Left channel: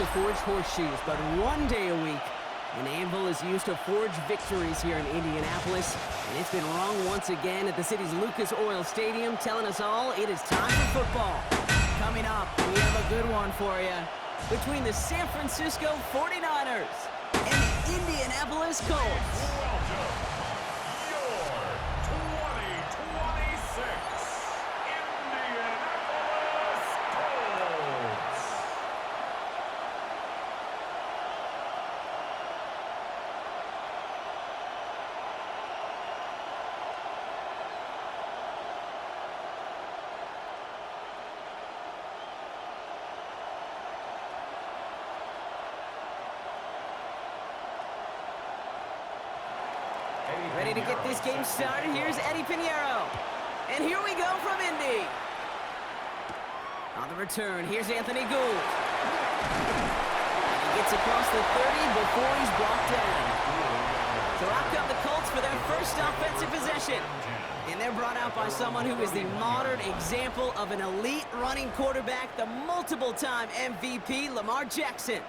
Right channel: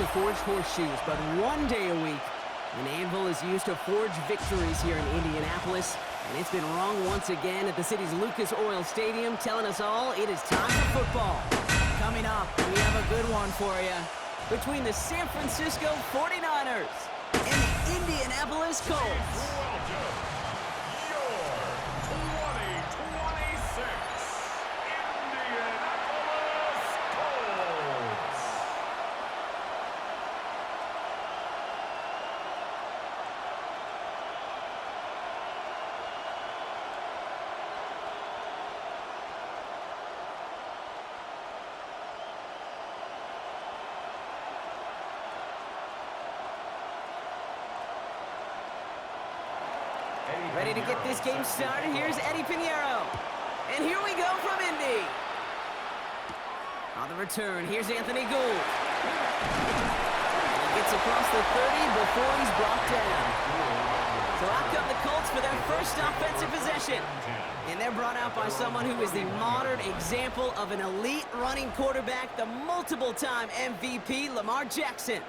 to forge horseshoes, but one day a week, an anvil is used to forge victories here in Indianapolis. And it's been wrong once again at the city's Lucas Oil Stadium, telling us all it is time for football. Coming up, we have a good one for you. Between the San Francisco 49ers and the Indianapolis Colts. Welcome, your 2026 Indianapolis Colts. Ready to get this game started? Here's Eddie Pinheiro. And here we go from Indy. On the return, here's Anthony Gould. And he gets across the 30 before he's brought down. So out come the Colts for their first offensive possession. And they're brought out by someone who is the modern example of an elite running quarterback, the multiple-time MVP, Lamar Jackson.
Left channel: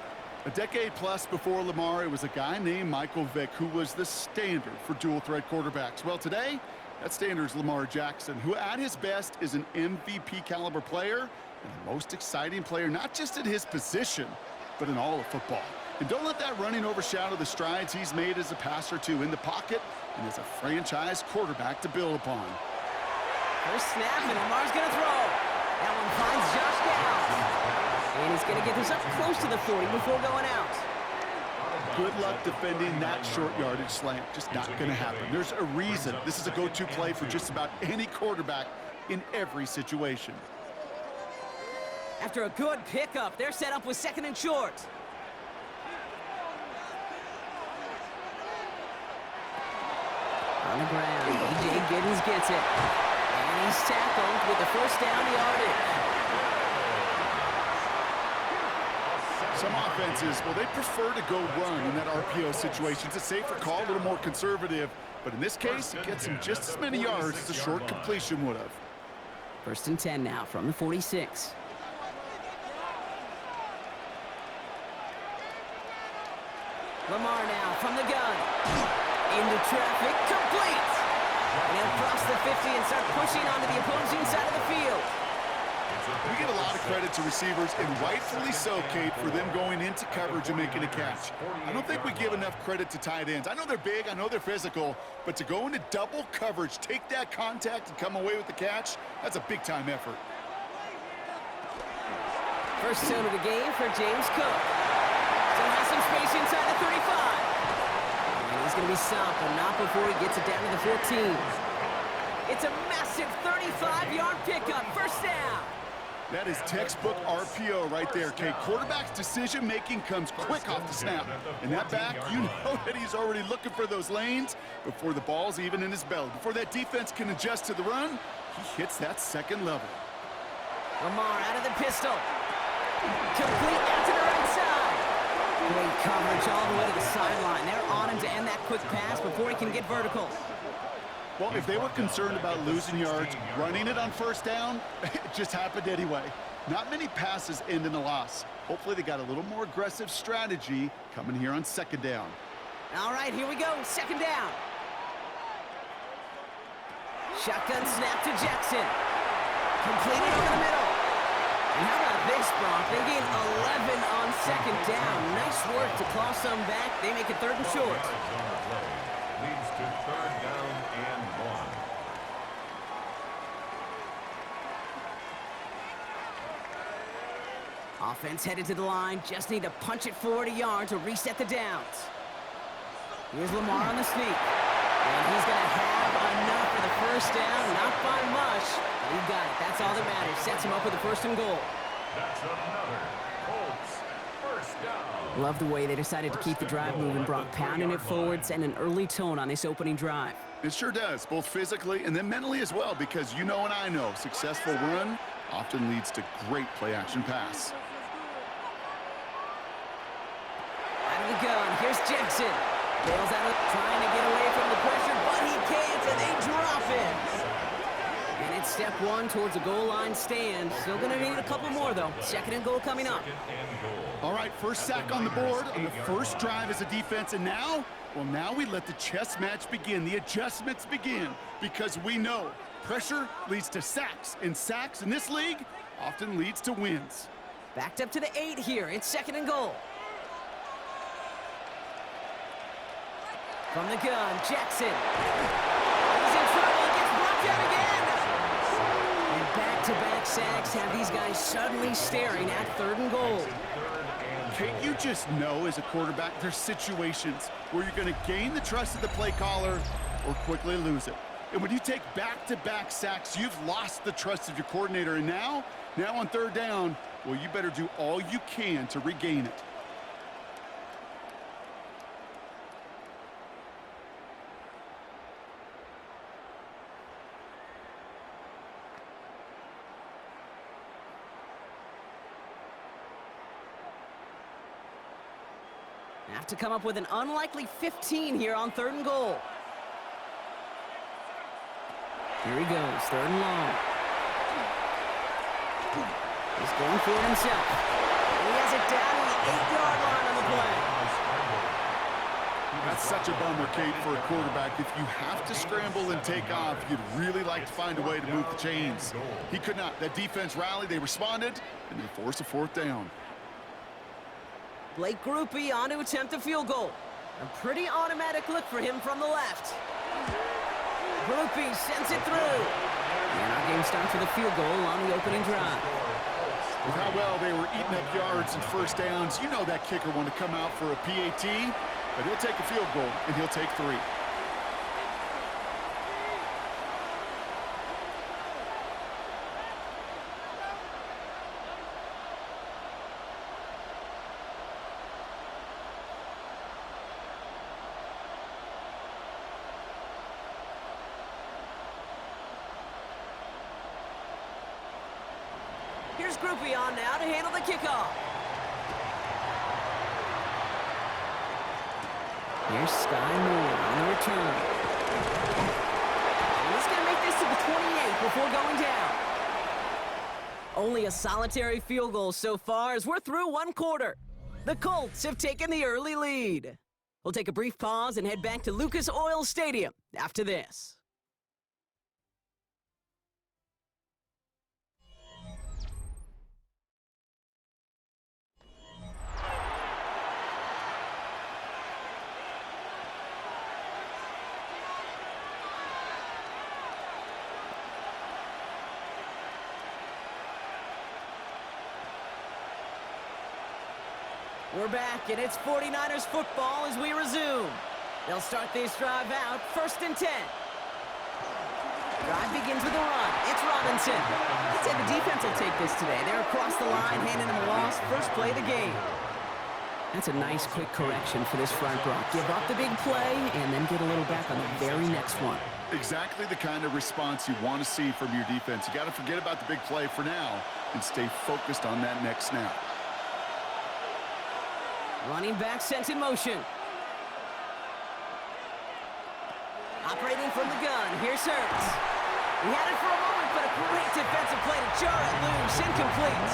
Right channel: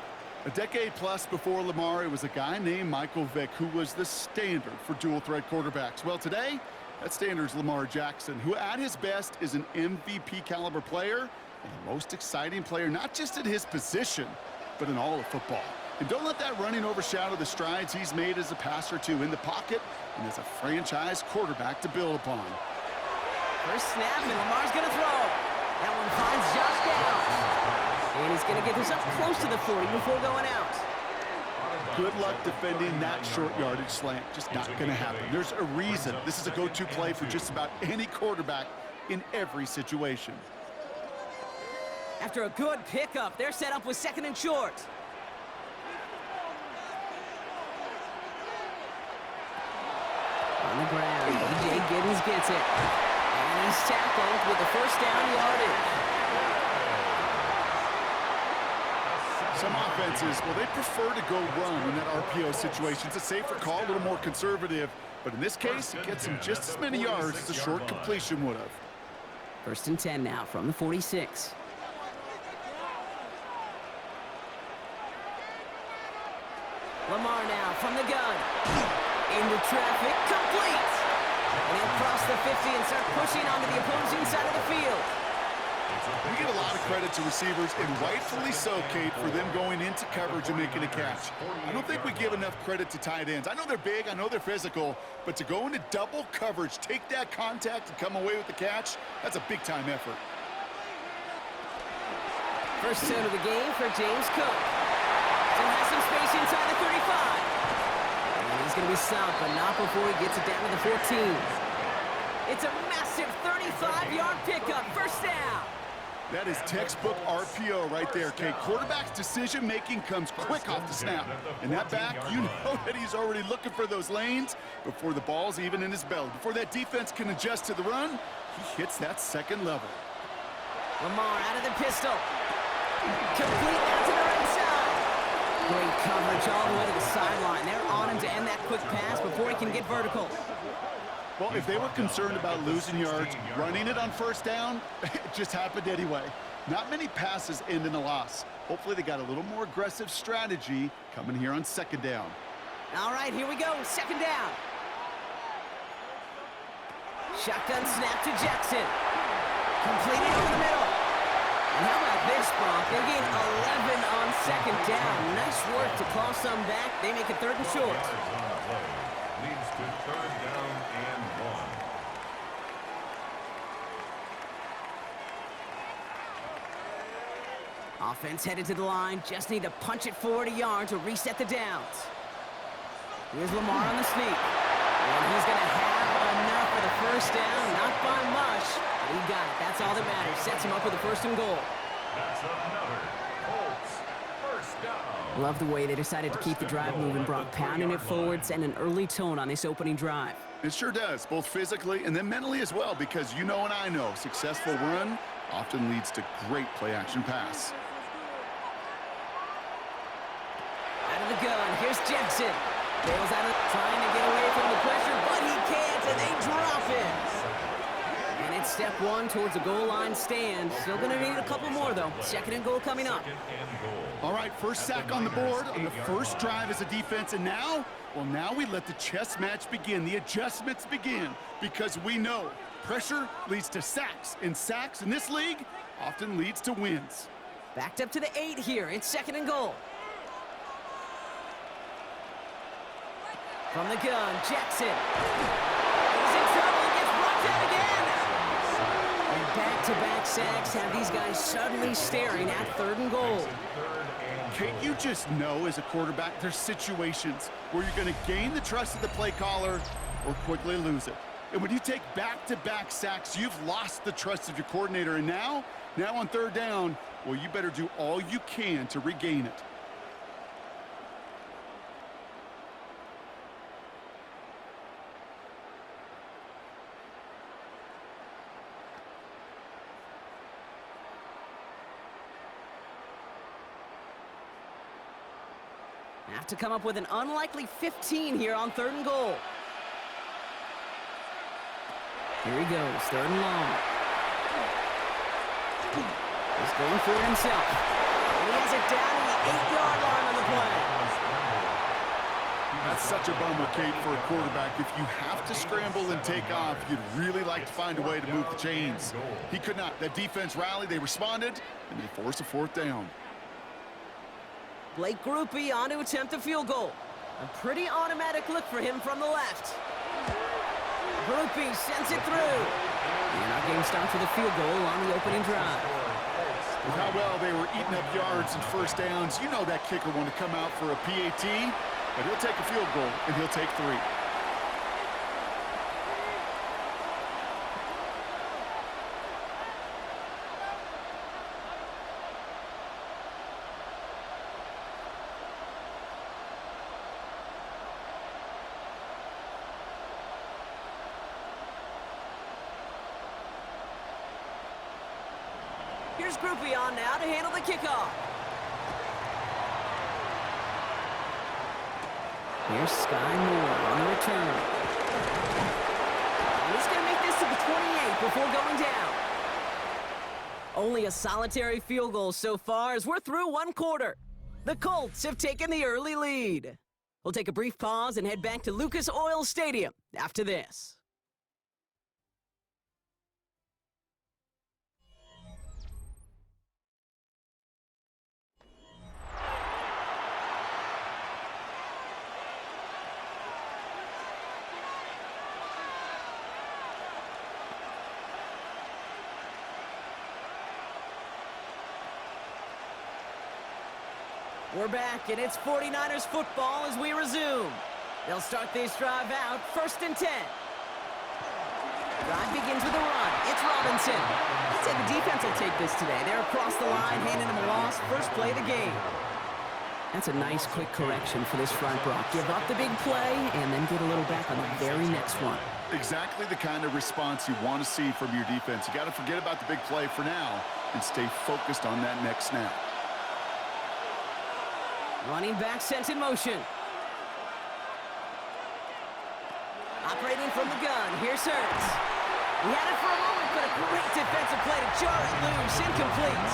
A decade plus before Lamar, it was a guy named Michael Vick who was the standard for dual-threat quarterbacks. Well, today, that standard is Lamar Jackson, who at his best is an MVP-caliber player and the most exciting player, not just at his position, but in all of football. And don't let that running overshadow the strides he's made as a passer, too, in the pocket and as a franchise quarterback to build upon. First snap, and Lamar's going to throw. That one finds Josh Downs. And he's going to get this up close to the 40 before going out. Good luck defending that short yardage slant. Just not going to happen. There's a reason this is a go-to play for just about any quarterback in every situation. After a good pickup, they're set up with second and short. On the ground, E.J. Giddens gets it. And he's tackled with the first down yardage. Some offenses, well, they prefer to go run in that RPO situation. It's a safer call, a little more conservative. But in this case, it gets him just as many yards as a short completion would have. First and 10 now from the 46. Lamar now from the gun. Into traffic, complete. And he'll cross the 50 and start pushing onto the opposing side of the field. We give a lot of credit to receivers, and rightfully so, Kate, for them going into coverage and making a catch. I don't think we give enough credit to tight ends. I know they're big, I know they're physical, but to go into double coverage, take that contact, and come away with the catch, that's a big-time effort. First down of the game for James Cook. Still has some space inside the 35. And he's going to be stopped, but not before he gets it down to the 14. It's a massive 35-yard pickup. First down. That is textbook RPO right there, Kate. Quarterback's decision-making comes quick off the snap. And that back, you know that he's already looking for those lanes before the ball's even in his belly. Before that defense can adjust to the run, he hits that second level. Lamar out of the pistol. Complete out to the right side. Great coverage all the way to the sideline. They're on him to end that quick pass before he can get vertical. Well, if they were concerned about losing yards, running it on first down, it just happened anyway. Not many passes end in a loss. Hopefully they got a little more aggressive strategy coming here on second down. All right, here we go. Second down. Shotgun snap to Jackson. Completed over the middle. And how about this, Bronk? They gain 11 on second down. Nice work to claw some back. They make it third and short. Leads to third down and 1. Offense headed to the line. Just need to punch it forward a yard to reset the downs. Here's Lamar on the sneak. And he's going to have enough for the first down. Not by much, but he got it. That's all that matters. Sets him up with a first and goal. That's another Colts first down. Love the way they decided to keep the drive moving, Brock, pounding it forwards and an early tone on this opening drive. It sure does, both physically and then mentally as well, because you know and I know successful run often leads to great play-action pass. Out of the gun, here's Jackson. Bails out of trying to get away from the pressure, but he can't, and they drop him. And it's step one towards a goal line stand. Still going to need a couple more, though. Second and goal coming up. Second and goal. All right, first sack on the board on the first drive as a defense, and now, well, now we let the chess match begin, the adjustments begin, because we know pressure leads to sacks, and sacks in this league often leads to wins. Backed up to the 8 here. It's 2nd and goal. From the gun, Jackson. He's in trouble and gets brought down again. And back-to-back sacks have these guys suddenly staring at 3rd and goal. Kate, you just know as a quarterback there's situations where you're going to gain the trust of the play caller or quickly lose it. And when you take back-to-back sacks, you've lost the trust of your coordinator. And now on 3rd down, well, you better do all you can to regain it. Have to come up with an unlikely 15 here on 3rd and goal. Here he goes, 3rd and long. He's going for it himself. And he has it down to the 8-yard line on the play. That's such a bummer, Kate, for a quarterback. If you have to scramble and take off, you'd really like to find a way to move the chains. He could not. That defense rallied, they responded, and they forced a 4th down. Blake Groupie on to attempt a field goal. A pretty automatic look for him from the left. Groupie sends it through. And our game starts with a field goal on the opening drive. With how well they were eating up yards and 1st downs, you know that kicker wanted to come out for a PAT, but he'll take a field goal, and he'll take 3. Here's Groupie on now to handle the kickoff. Here's Sky Moore on the return. And he's going to make this to the 28 before going down. Only a solitary field goal so far as we're through 1 quarter. The Colts have taken the early lead. We'll take a brief pause and head back to Lucas Oil Stadium after this. We're back, and it's 49ers football as we resume. They'll start this drive out, 1st and 10. Drive begins with a run. It's Robinson. I'd say the defense will take this today. They're across the line, handing him a loss. First play of the game. That's a nice, quick correction for this front, Brock. Give up the big play, and then get a little back on the very next one. Exactly the kind of response you want to see from your defense. You got to forget about the big play for now and stay focused on that next snap. Running back sent in motion. Operating from the gun, here's Hurts. He had it for a moment, but a great defensive play to jar it loose, incomplete.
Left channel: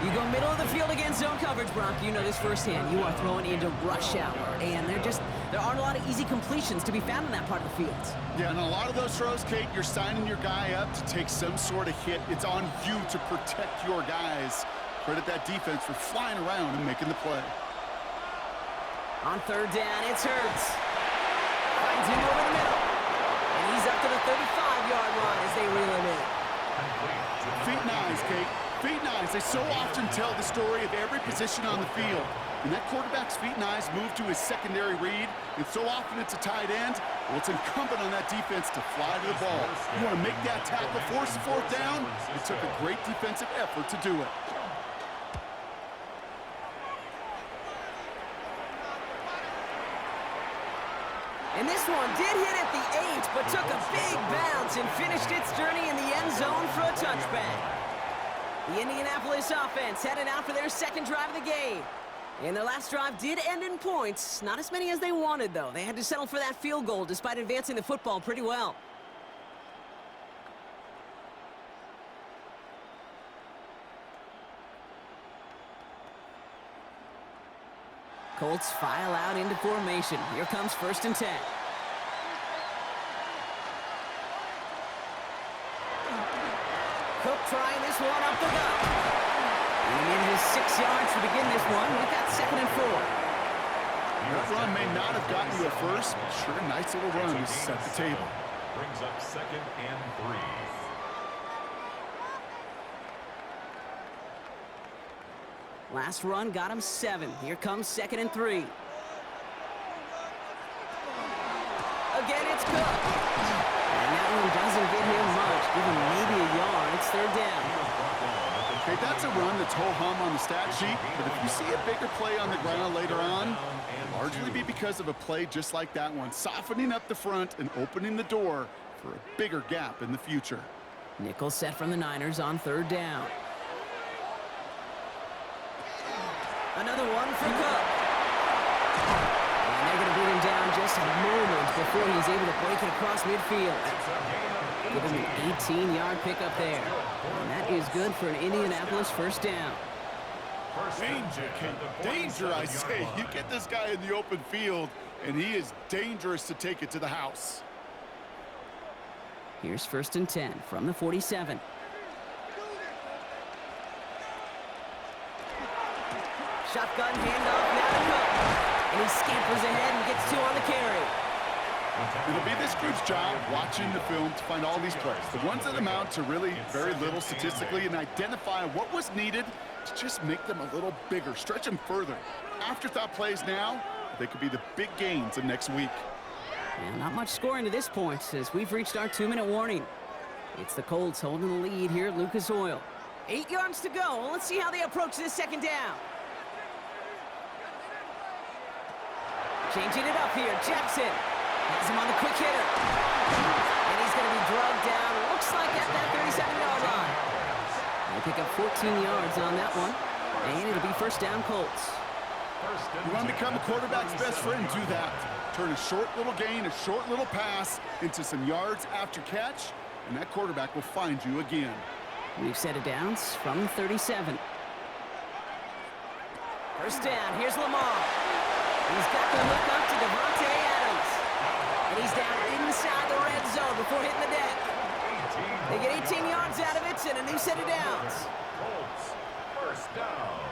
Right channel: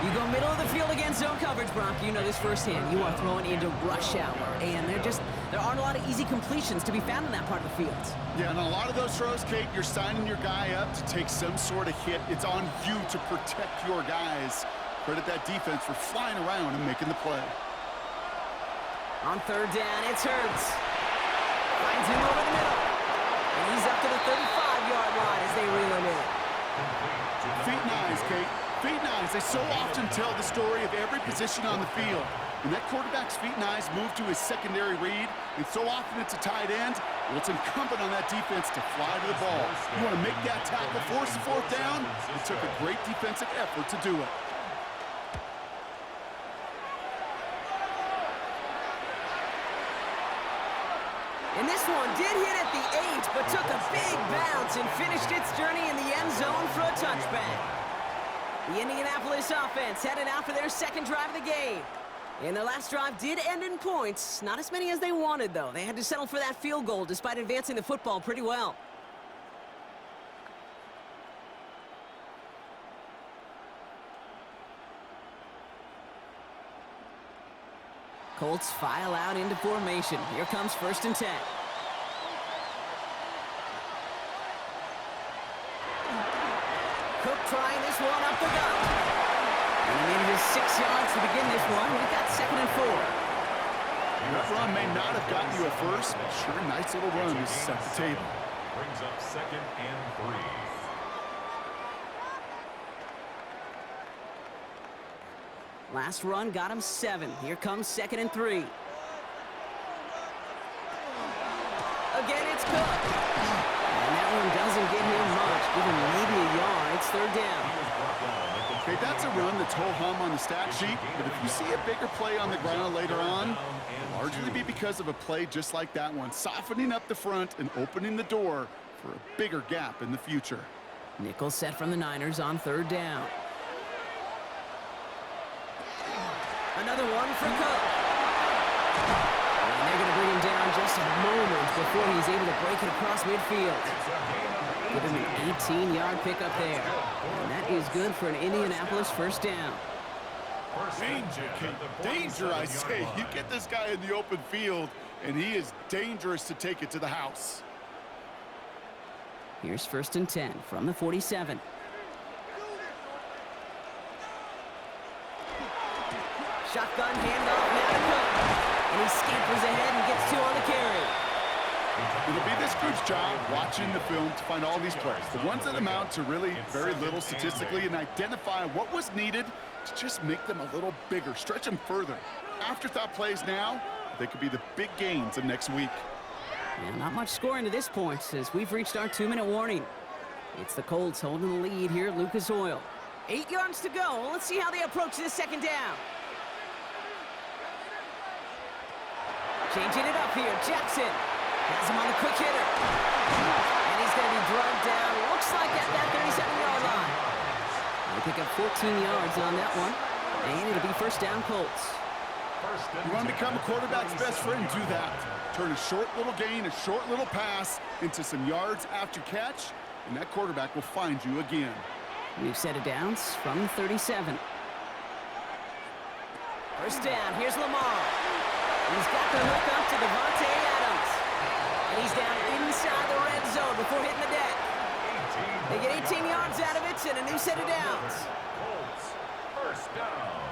You go middle of the field against zone coverage, Brock. You know this firsthand. You are throwing into rush hour, and there aren't a lot of easy completions to be found in that part of the field. Yeah, and a lot of those throws, Kate, you're signing your guy up to take some sort of hit. It's on you to protect your guys. Credit that defense for flying around and making the play. On 3rd down, it's Hurts. Finds him over the middle. And he's up to the 35-yard line as they reel him in. Feet and eyes, Kate. Feet and eyes. They so often tell the story of every position on the field. When that quarterback's feet and eyes move to his secondary read, and so often it's a tight end, well, it's incumbent on that defense to fly to the ball. You want to make that tackle, force the 4th down? It took a great defensive effort to do it. And this one did hit at the 8, but took a big bounce and finished its journey in the end zone for a touchback. The Indianapolis offense headed out for their 2nd drive of the game. And their last drive did end in points. Not as many as they wanted, though. They had to settle for that field goal despite advancing the football pretty well. Colts file out into formation. Here comes 1st and 10. Cook trying this one up the gut. And he manages 6 yards to begin this one. We've got 2nd and 4. That run may not have gotten you at first, but sure, a nice little run to set the table. Brings up 2nd and 3. Last run got him 7. Here comes 2nd and 3. Again, it's Cook. And that one doesn't get him much. Give him maybe a yard. It's 3rd down. Okay, that's a run that's ho-hum on the stat sheet, but if you see a bigger play on the ground later on, it'll largely be because of a play just like that one, softening up the front and opening the door for a bigger gap in the future. Nickel set from the Niners on 3rd down. Another one for Cook. And they're going to bring him down just a moment before he's able to break it across midfield. Give him an 18-yard pickup there. And that is good for an Indianapolis 1st down. Danger, Kate. Danger, I say. You get this guy in the open field, and he is dangerous to take it to the house. Here's 1st and 10 from the 47. Shotgun handoff now to Cook. And he scampers ahead and gets 2 on the carry. It'll be this group's job watching the film to find all these plays, the ones that amount to really very little statistically, and identify what was needed to just make them a little bigger, stretch them further. Afterthought plays now, they could be the big gains of next week. And not much scoring to this point as we've reached our 2-minute warning. It's the Colts holding the lead here at Lucas Oil. 8 yards to go. Let's see how they approach this 2nd down. Changing it up here, Jackson has him on the quick hitter. And he's going to be drugged down, looks like at that 37-yard line. They pick up 14 yards on that one, and it'll be 1st down Colts. You want to become a quarterback's best friend, do that. Turn a short little gain, a short little pass into some yards after catch, and that quarterback will find you again. New set of downs from the 37. 1st down, here's Lamar. He's got the hook up to Devontae Adams. And he's down inside the red zone before hitting the deck. They get 18 yards out of it and a new set of downs. Colts, 1st down.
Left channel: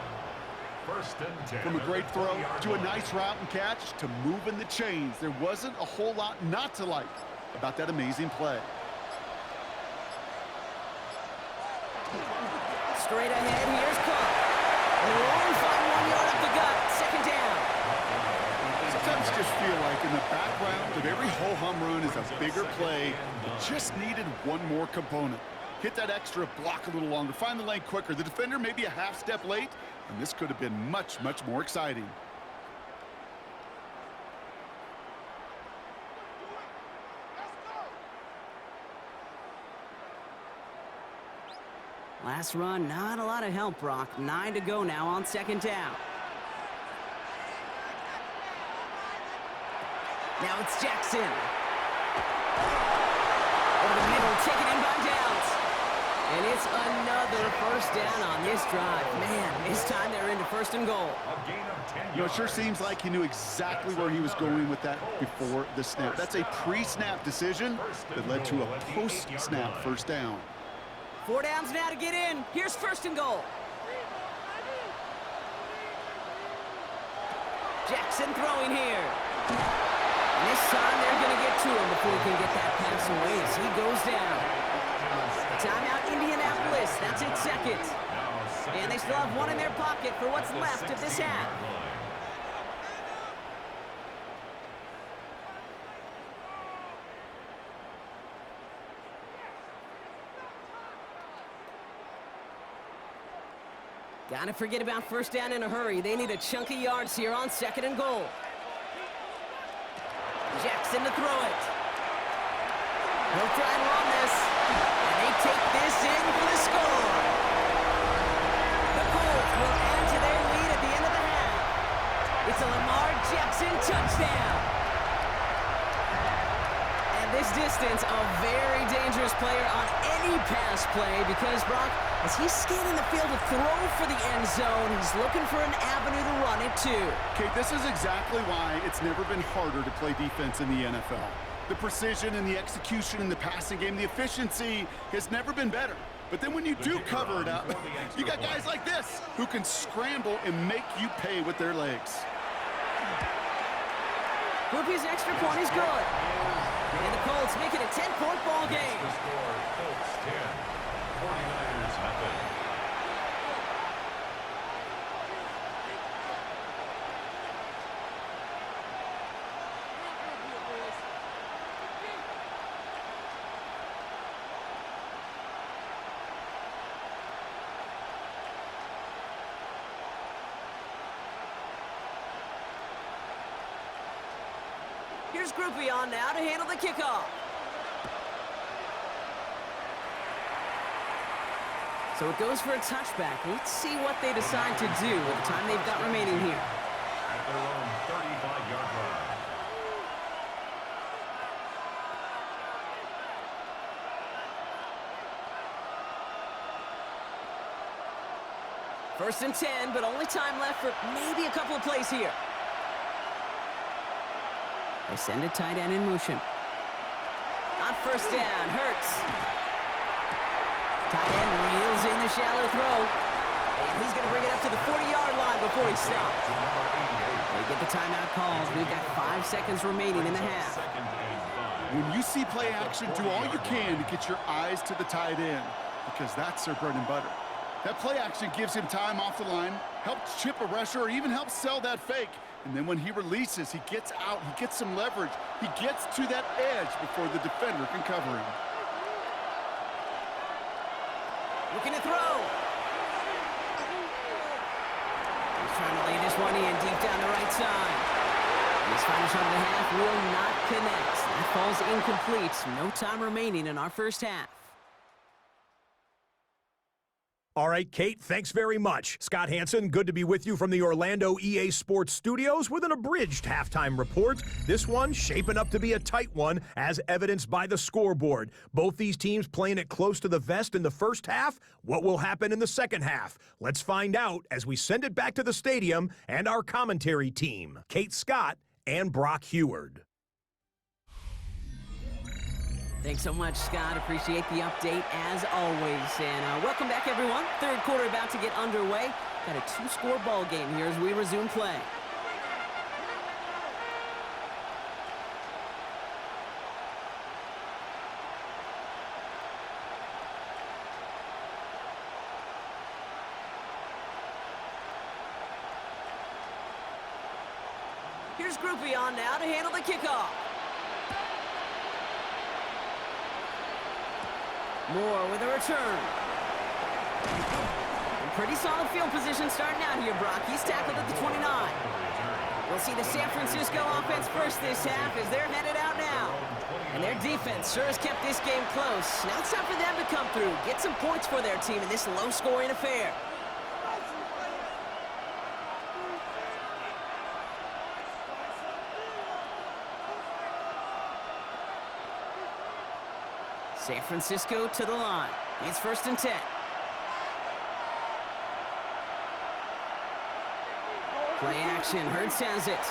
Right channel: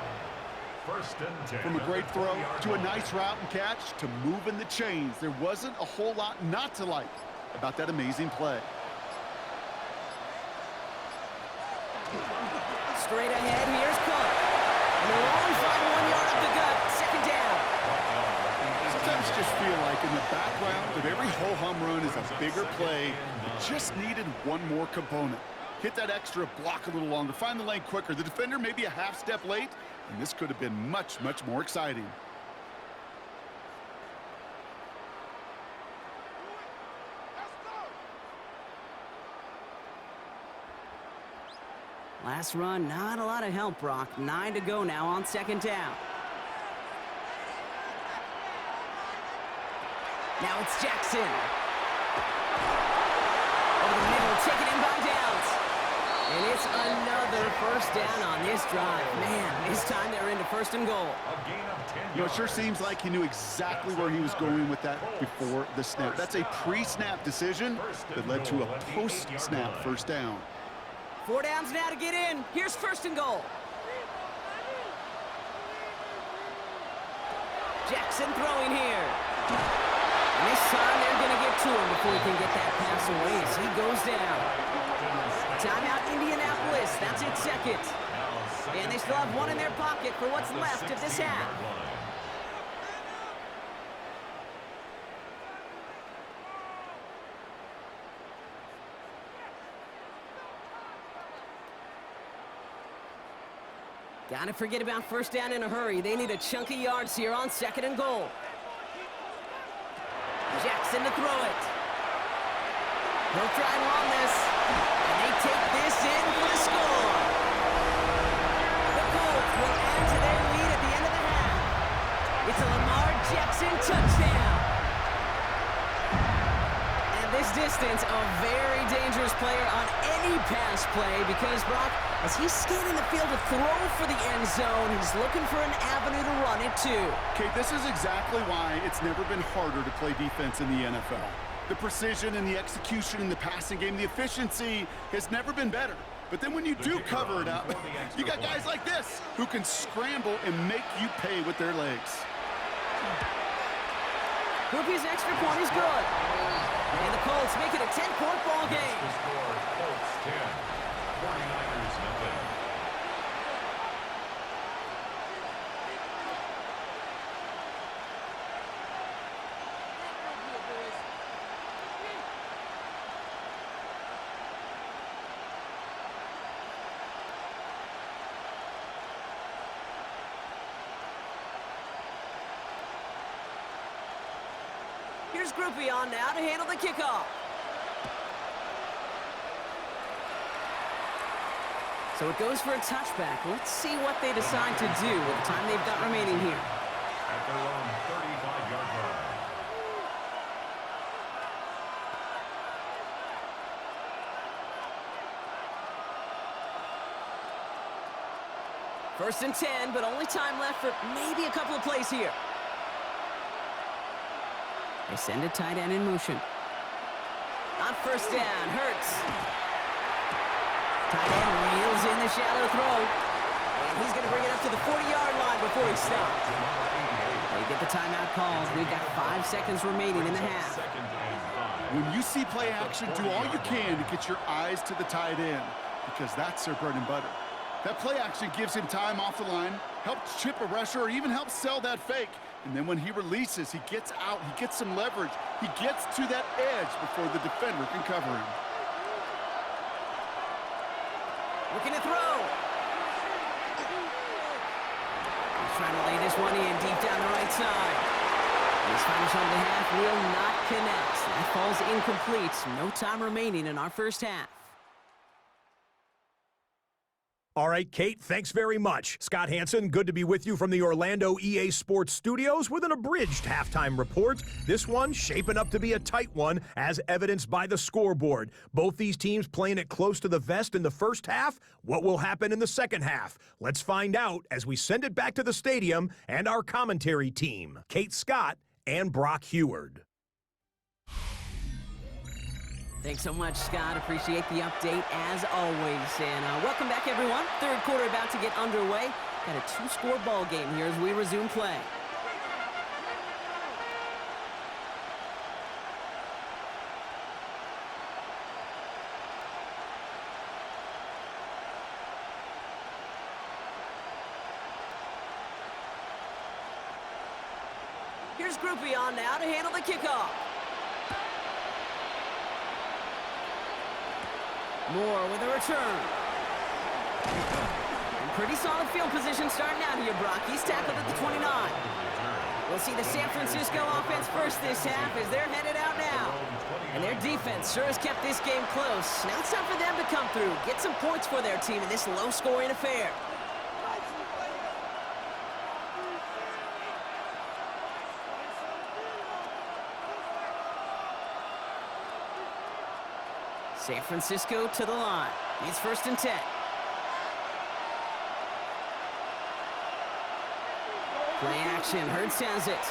1st and 10. From a great throw to a nice route and catch to moving the chains, there wasn't a whole lot not to like about that amazing play. Straight ahead, here's Cook. And they'll only find 1 yard up the gut. 2nd down. Sometimes just feel like in the background of every ho-hum run is a bigger play that just needed one more component. Hit that extra block a little longer, find the lane quicker. The defender maybe a half step late, and this could have been much, much more exciting. Last run, not a lot of help, Brock. 9 to go now on 2nd down. Now it's Jackson. Over the middle, taken in by Downs. And it's another 1st down on this drive. Man, this time they're into 1st and goal. A gain of 10 You know, it sure seems like he knew exactly where he was going with that before the snap. That's a pre-snap decision that led to a post-snap 1st down. 4 downs now to get in. Here's 1st and goal. Jackson throwing here. And this time they're going to get to him before he can get that pass away as he goes down. Timeout Indianapolis. That's its 2nd. And they still have 1 in their pocket for what's left of this half. Gotta forget about 1st down in a hurry. They need a chunk of yards here on 2nd and goal. Jackson to throw it. He'll try and run this. And they take this in for the score. The Colts will add to their lead at the end of the half. It's a Lamar Jackson touchdown. And this distance, a very dangerous player on any pass play because, Brock, as he's scanning the field to throw for the end zone, he's looking for an avenue to run it too. Kate, this is exactly why it's never been harder to play defense in the NFL. The precision and the execution in the passing game, the efficiency has never been better. But then when you do cover it up, you got guys like this who can scramble and make you pay with their legs. Groupie's extra point is good. And the Colts make it a 10-point ball game. The score, Colts 10, 49ers nothing. Here's Groupie on now to handle the kickoff. So it goes for a touchback. Let's see what they decide to do with the time they've got remaining here. At their own 35-yard line. First and 10, but only time left for maybe a couple of plays here. They send a tight end in motion. On first down, Hurts. Tight end reels in the shallow throw. And he's going to bring it up to the 40-yard line before he stops. They get the timeout called. We've got 5 seconds remaining in the half. When you see play action, do all you can to get your eyes to the tight end because that's their bread and butter. That play action gives him time off the line, helps chip a rusher, or even helps sell that fake. And then when he releases, he gets out, he gets some leverage. He gets to that edge before the defender can cover him. Looking to throw. He's trying to lay this one in deep down the right side. His final shot of the half will not connect. That falls incomplete. No time remaining in our first half. All right, Kate, thanks very much. Scott Hansen, good to be with you from the Orlando EA Sports Studios with an abridged halftime report. This one shaping up to be a tight one, as evidenced by the scoreboard. Both these teams playing it close to the vest in the first half. What will happen in the second half? Let's find out as we send it back to the stadium and our commentary team, Kate Scott and Brock Heward. Thanks so much, Scott. Appreciate the update as always. And welcome back, everyone. Third quarter about to get underway. Got a 2-score ball game here as we resume play. Here's Groupie on now to handle the kickoff. Moore with a return. And pretty solid field position starting out here, Brock. He's tackled at the 29. We'll see the San Francisco offense first this half as they're headed out now. And their defense sure has kept this game close. Now it's time for them to come through, get some points for their team in this low-scoring affair. San Francisco to the line. It's first and 10. Play action. Hurts has it.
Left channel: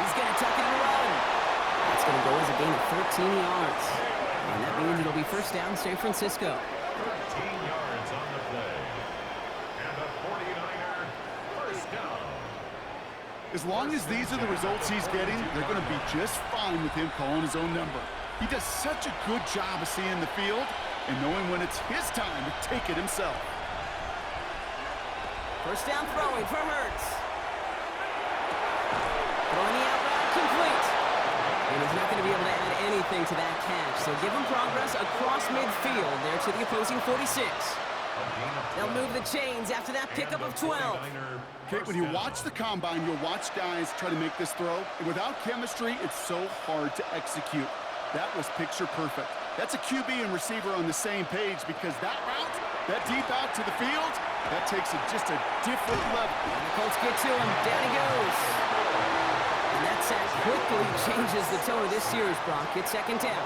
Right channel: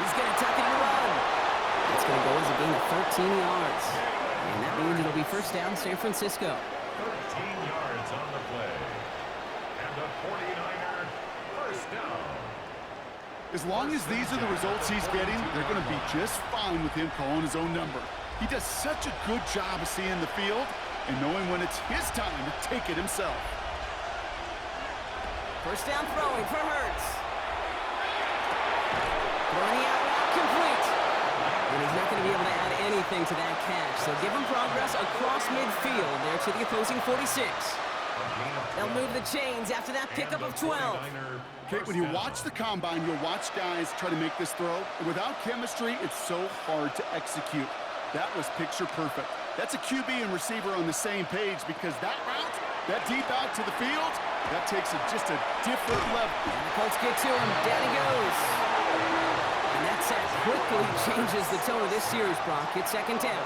He's going to tuck it and run. That's going to go as a gain of 13 yards. And that means it'll be first down San Francisco. 13 yards on the play. And the 49er first down. As long as these are the results he's getting, they're going to be just fine with him calling his own number. He does such a good job of seeing the field and knowing when it's his time to take it himself. First down throwing for Hurts. Throwing the out route complete. And he's not going to be able to add anything to that catch. So give him progress across midfield there to the opposing 46. They'll move the chains after that pickup of 12. Kate, when you watch the combine, you'll watch guys try to make this throw. And without chemistry, it's so hard to execute. That was picture perfect. That's a QB and receiver on the same page because that route, that deep out to the field, that takes it just a different level. And the Colts get to him. Down he goes. And that's at quickly changes the tone of this series, Brock. It's second down.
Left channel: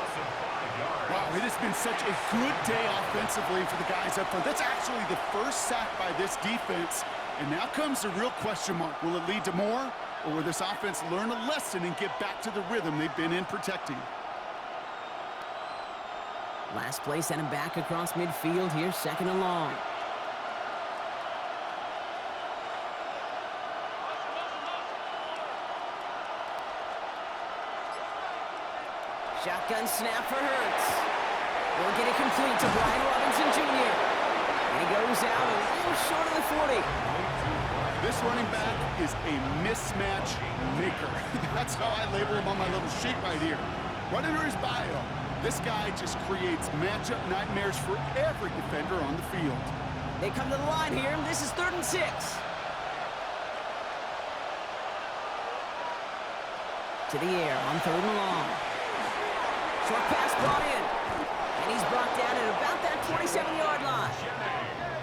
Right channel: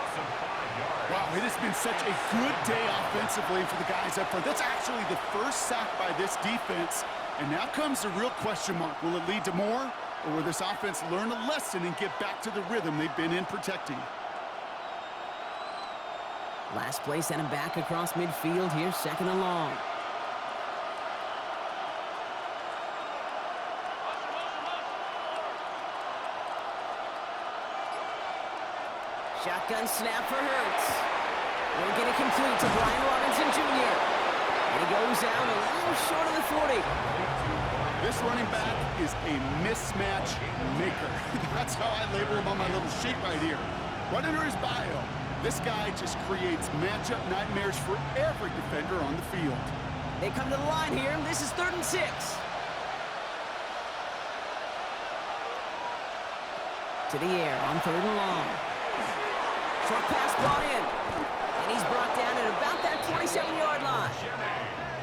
Wow, it has been such a good day offensively for the guys up front. That's actually the first sack by this defense. And now comes the real question mark. Will it lead to more? Or will this offense learn a lesson and get back to the rhythm they've been in protecting? Last play sent him back across midfield here, second and long. Shotgun snap for Hurts. Will get it complete to Brian Robinson Jr. And he goes out a little short of the 40. This running back is a mismatch maker. That's how I label him on my little sheet right here. Right under his bio, this guy just creates matchup nightmares for every defender on the field. They come to the line here, and this is 3rd and 6. To the air on 3rd and long. Short pass brought in. And he's brought down at about that 27-yard line.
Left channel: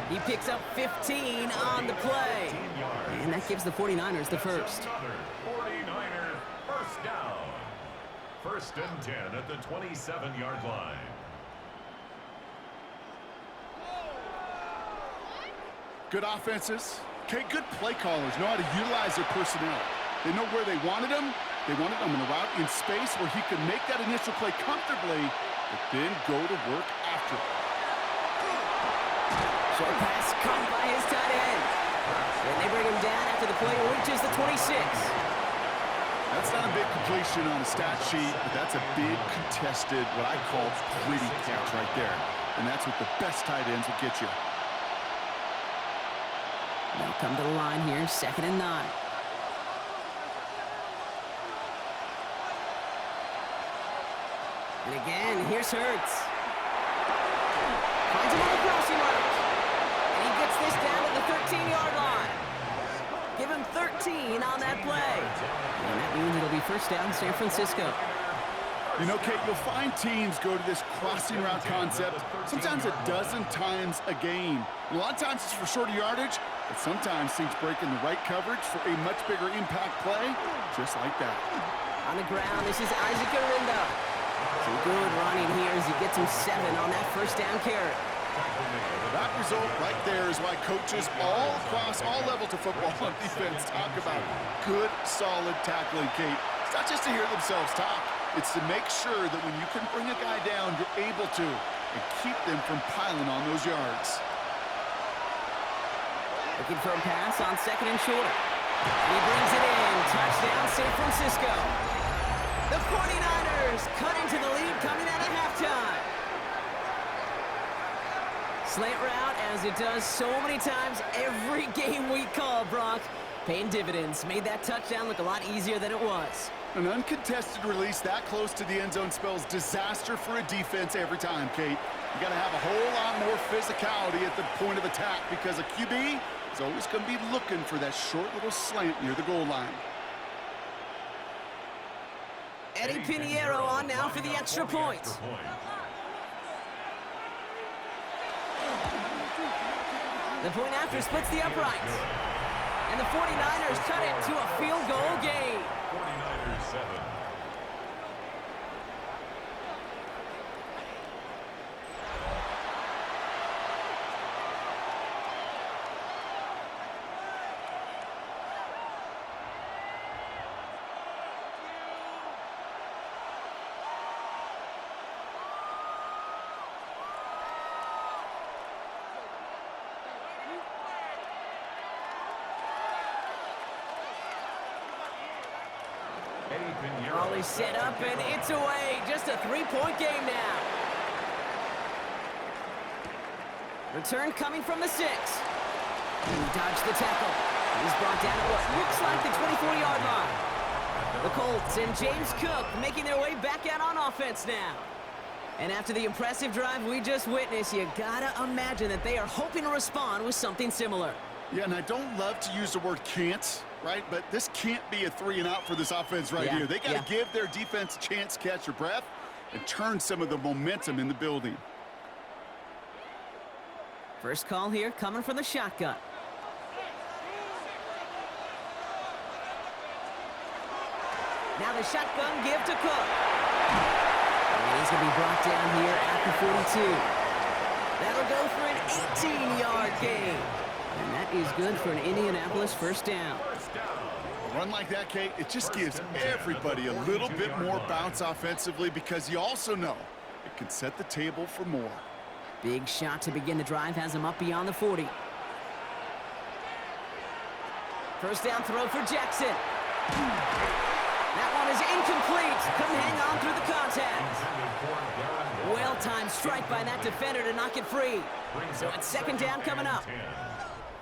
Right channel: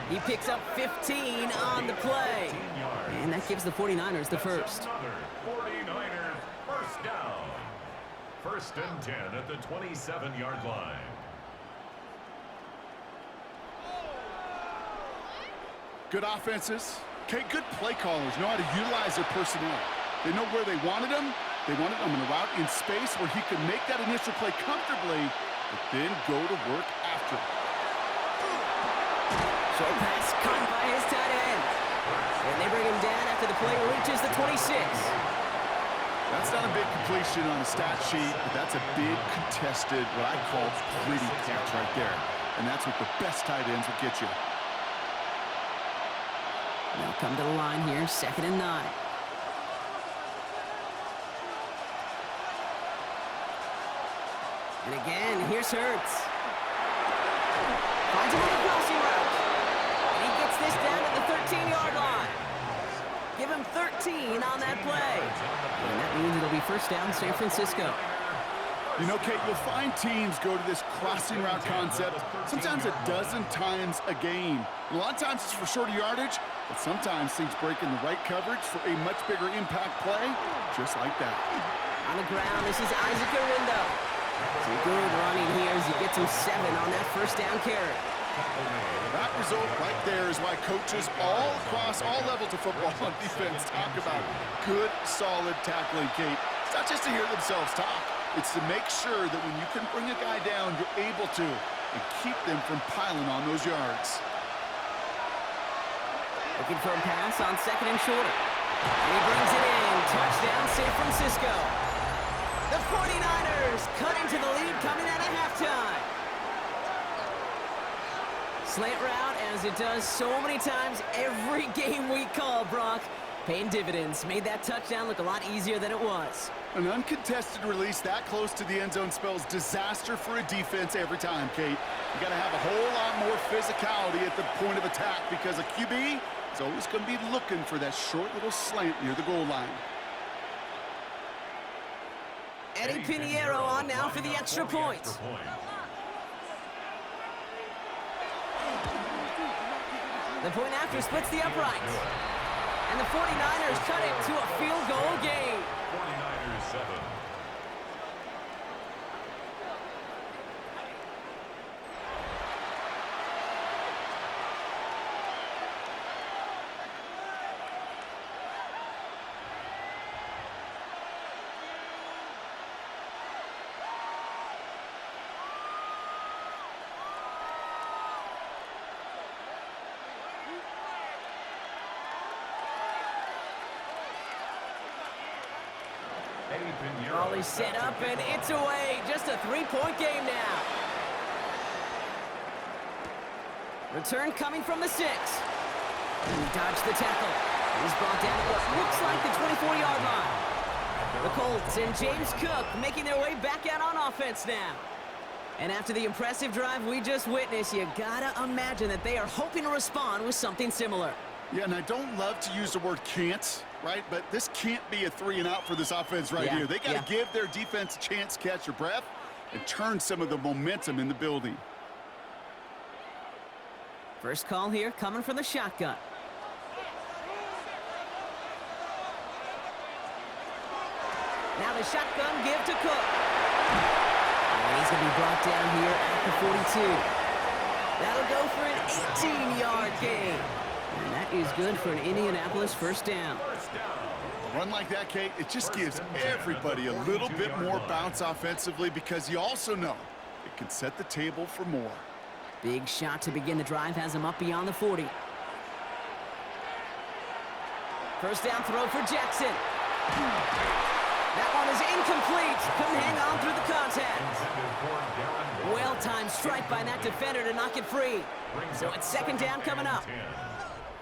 He picks up 15 on the play. And that gives the 49ers the first. 49ers first down. 1st and 10 at the 27-yard line. Good offenses. Okay, good play callers know how to utilize their personnel. They know where they wanted him. They wanted him in a route in space where he could make that initial play comfortably, but then go to work after it. Short pass caught by his tight end. And they bring him down after the play reaches the 26. That's not a big completion on a stat sheet, but that's a big contested, what I call gritty catch right there. And that's what the best tight ends will get you. They'll come to the line here, 2nd and 9. And again, here's Hurts. Finds him on the crossing route. And he gets this down to the 13-yard line. Give him 13 on that play. And that means it'll be first down San Francisco. You know, Kate, you'll find teams go to this crossing route concept sometimes a dozen times a game. And a lot of times it's for shorter yardage, but sometimes things break in the right coverage for a much bigger impact play, just like that. On the ground, this is Isaac Arindo. Some good running here as he gets him 7 on that first down carry. That result right there is why coaches all across all levels of football on defense talk about good, solid tackling, Kate. It's not just to hear themselves talk. It's to make sure that when you can bring a guy down, you're able to, and keep them from piling on those yards. Looking for a pass on 2nd and short. And he brings it in. Touchdown, San Francisco. The 49ers cut into the lead coming out of halftime. Slant route, as it does so many times every game we call, Brock. Paying dividends. Made that touchdown look a lot easier than it was. An uncontested release that close to the end zone spells disaster for a defense every time, Kate. You got to have a whole lot more physicality at the point of attack because a QB is always going to be looking for that short little slant near the goal line. Eddie Pinheiro on now for the extra point. The point after splits the uprights. And the 49ers cut it to a field goal game. 49ers 7. All is set up, and it's away. Just a 3-point game now. Return coming from the 6. He dodged the tackle. He's brought down at what looks like the 24-yard line. The Colts and James Cook making their way back out on offense now. And after the impressive drive we just witnessed, you gotta imagine that they are hoping to respond with something similar. Yeah, and I don't love to use the word can't, right? But this can't be a 3-and-out for this offense right here. They got to give their defense a chance to catch their breath and turn some of the momentum in the building. First call here coming from the shotgun. Now the shotgun give to Cook. And he's going to be brought down here at the 42. That'll go for an 18-yard gain. And that is good for an Indianapolis first down. A run like that, Kate, it just gives everybody a little bit more bounce offensively because you also know it can set the table for more. Big shot to begin the drive has him up beyond the 40. First down throw for Jackson. That one is incomplete. Couldn't hang on through the contact. Well-timed strike by that defender to knock it free. So it's second down coming up.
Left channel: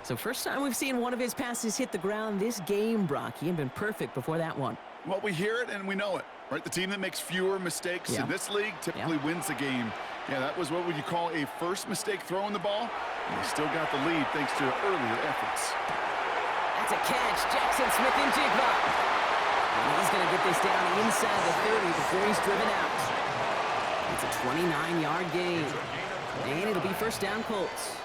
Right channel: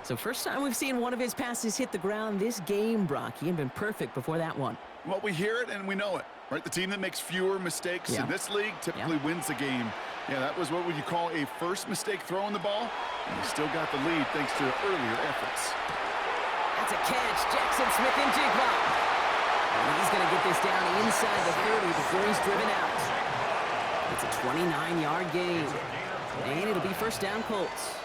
So first time we've seen one of his passes hit the ground this game, Brock. He had been perfect before that one. Well, we hear it and we know it, right? The team that makes fewer mistakes in this league typically wins the game. Yeah, that was what would you call a first mistake throwing the ball, and he still got the lead thanks to earlier efforts. That's a catch. Jackson Smith in Jigba. And he's going to get this down inside the 30 before he's driven out. It's a 29-yard gain. And it'll be first down Colts.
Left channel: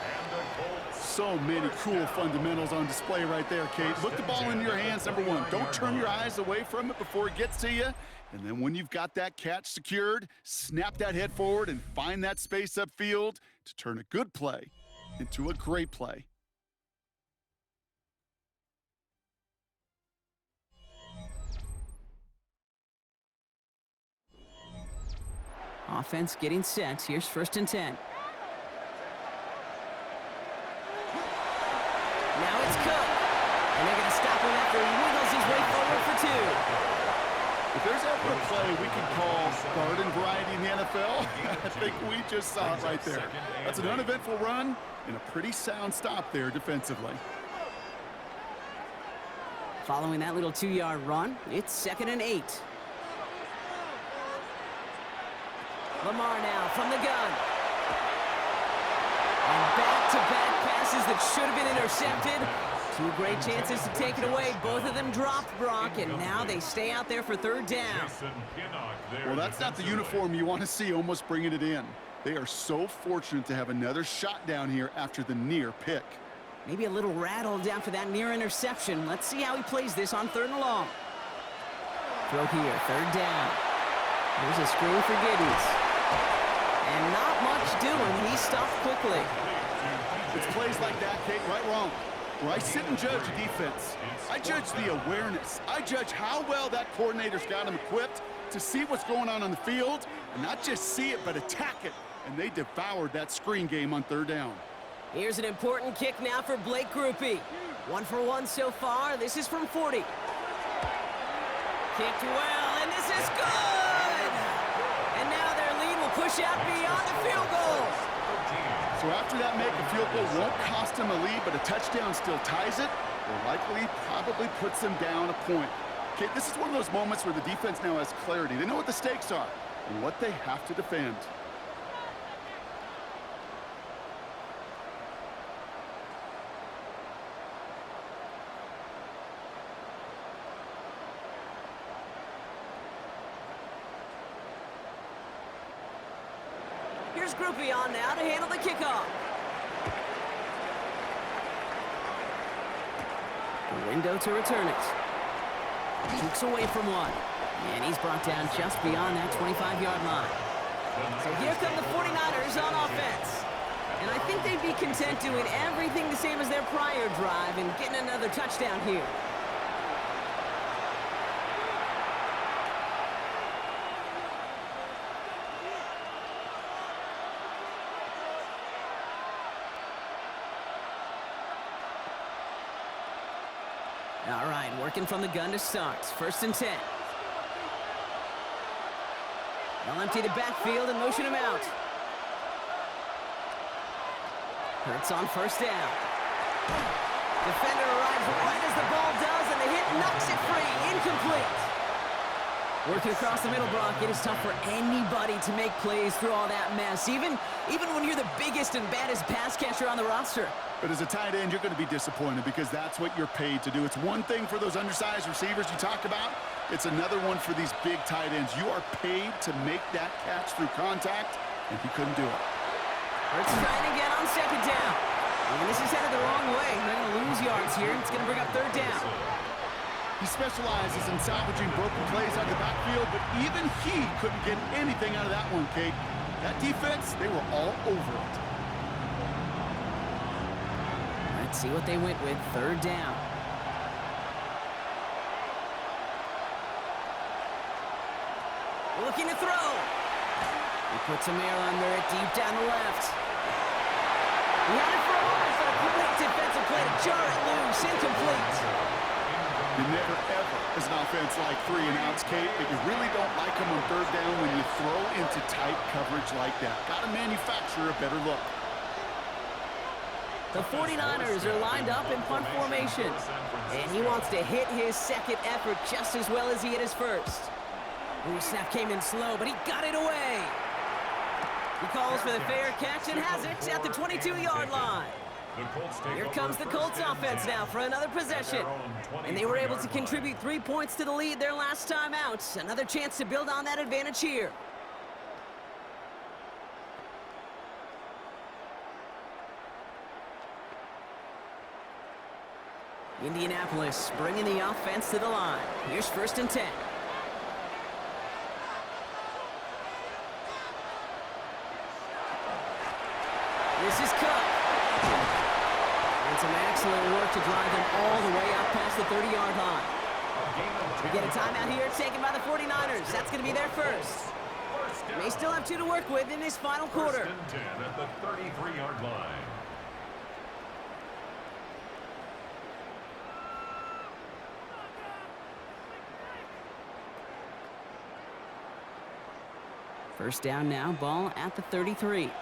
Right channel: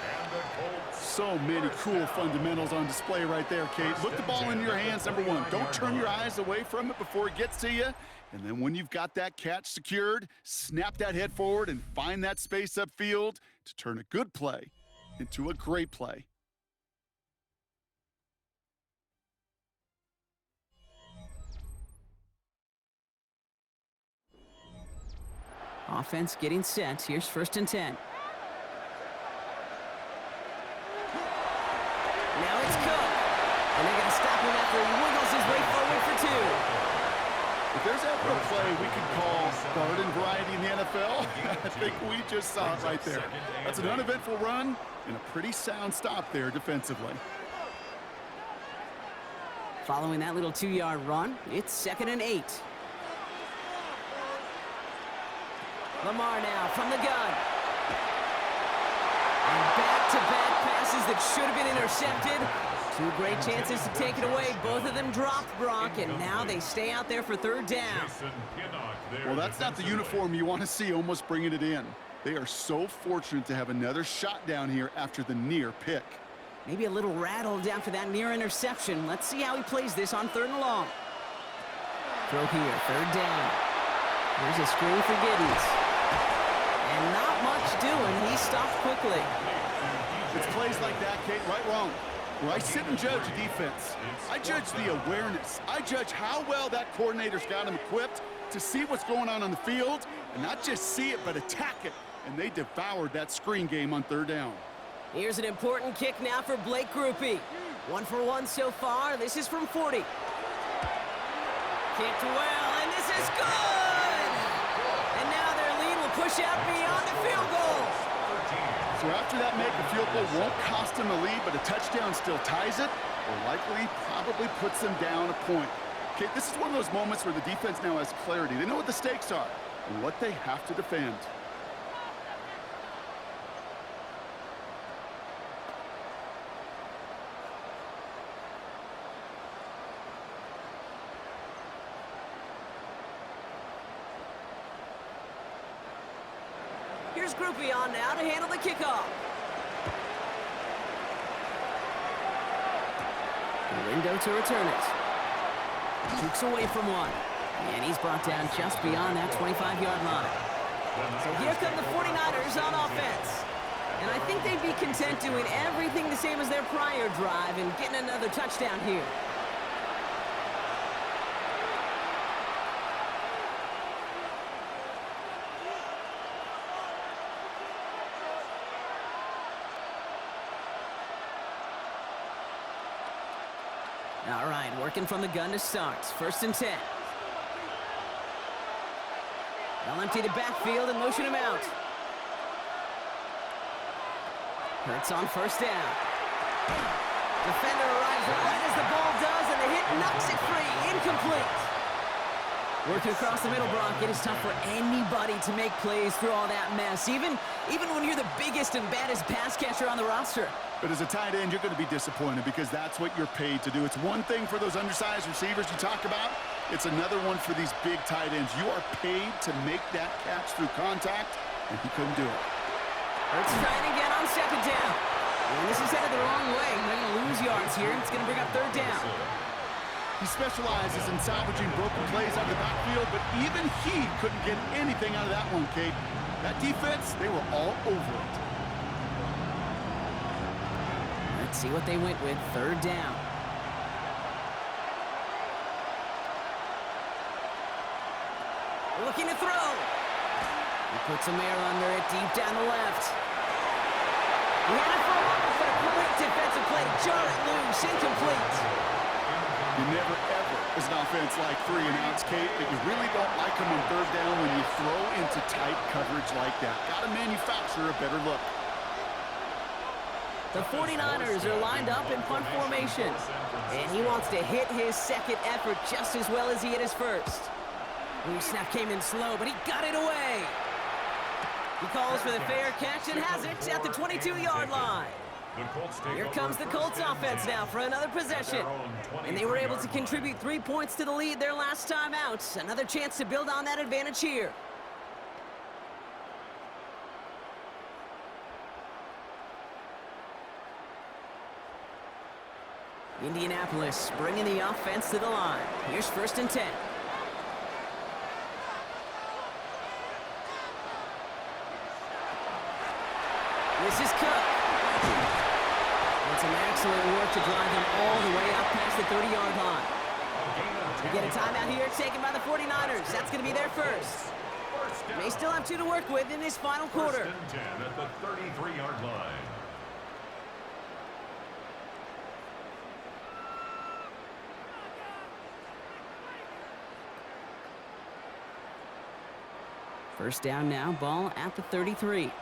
So many cool fundamentals on display right there, Kate. Put the ball in your hands, number one. Don't turn your eyes away from it before it gets to you. And then when you've got that catch secured, snap that head forward and find that space upfield to turn a good play into a great play. Offense getting set. Here's first and 10. Now it's Cook. And they're going to stop him after he wiggles his way forward for 2. If there's ever a play we could call garden variety in the NFL, I think we just saw it right there. That's an uneventful run and a pretty sound stop there defensively. Following that little 2-yard run, it's second and 8. Lamar now from the gun. And back-to-back passes that should have been intercepted. 2 great chances to take it away. Both of them dropped, Brock, and now they stay out there for third down. Well, that's not the uniform you want to see almost bringing it in. They are so fortunate to have another shot down here after the near pick. Maybe a little rattled after that near interception. Let's see how he plays this on 3rd and long. Throw here, 3rd down. Here's a screen for Giddens. And not much doing. He stopped quickly. It's plays like that, Kate, right, wrong. Where I sit and judge a defense. I judge the awareness. I judge how well that coordinator's got him equipped to see what's going on the field and not just see it, but attack it. And they devoured that screen game on 3rd down. Here's an important kick now for Blake Grupe. 1 for 1 so far. This is from 40. Kicked well, and this is good! And now their lead will push out beyond the field goal. So after that make, a field goal won't cost them a lead, but a touchdown still ties it, or likely probably puts them down a point. Okay, this is one of those moments where the defense now has clarity. They know what the stakes are and what they have to defend. Here's Grupe on now to handle the kickoff. The window to return it. Jukes away from one. And he's brought down just beyond that 25-yard line. So here come the 49ers on offense. And I think they'd be content doing everything the same as their prior drive and getting another touchdown here. All right, working from the gun to start. First and 10. They'll empty the backfield and motion him out. Hurts on first down. Defender arrives right as the ball does, and the hit knocks it free. Incomplete. Working across the middle, Brock, it is tough for anybody to make plays through all that mess, even when you're the biggest and baddest pass catcher on the roster. But as a tight end, you're going to be disappointed because that's what you're paid to do. It's one thing for those undersized receivers you talk about. It's another one for these big tight ends. You are paid to make that catch through contact, and he couldn't do it. Hurts trying again on second down. And this is headed the wrong way. They're going to lose yards here. It's going to bring up 3rd down. He specializes in salvaging broken plays out of the backfield, but even he couldn't get anything out of that one, Kate. That defense, they were all over it. Let's see what they went with. Third down. Looking to throw. He puts some air under it, deep down the left. He had it for a moment, but a great defensive play to jar it loose. Incomplete. You never, ever, as an offense, like 3 and outs, Kate, but you really don't like them on third down when you throw into tight coverage like that. Got to manufacture a better look. The 49ers are lined up in punt formation, and he wants to hit his second effort just as well as he hit his first. Ooh, snap came in slow, but he got it away. He calls for the fair catch and has it at the 22-yard line. Here comes the Colts offense now for another possession. And they were able to contribute 3 points to the lead their last time out. Another chance to build on that advantage here. Indianapolis bringing the offense to the line. Here's 1st and 10. This is Cook. And some excellent work to drive them all the way up past the 30-yard line. We get a timeout here taken by the 49ers. That's going to be their first. They still have 2 to work with in this final quarter. 1st and 10 at the 33-yard line. First down now, ball at the 33.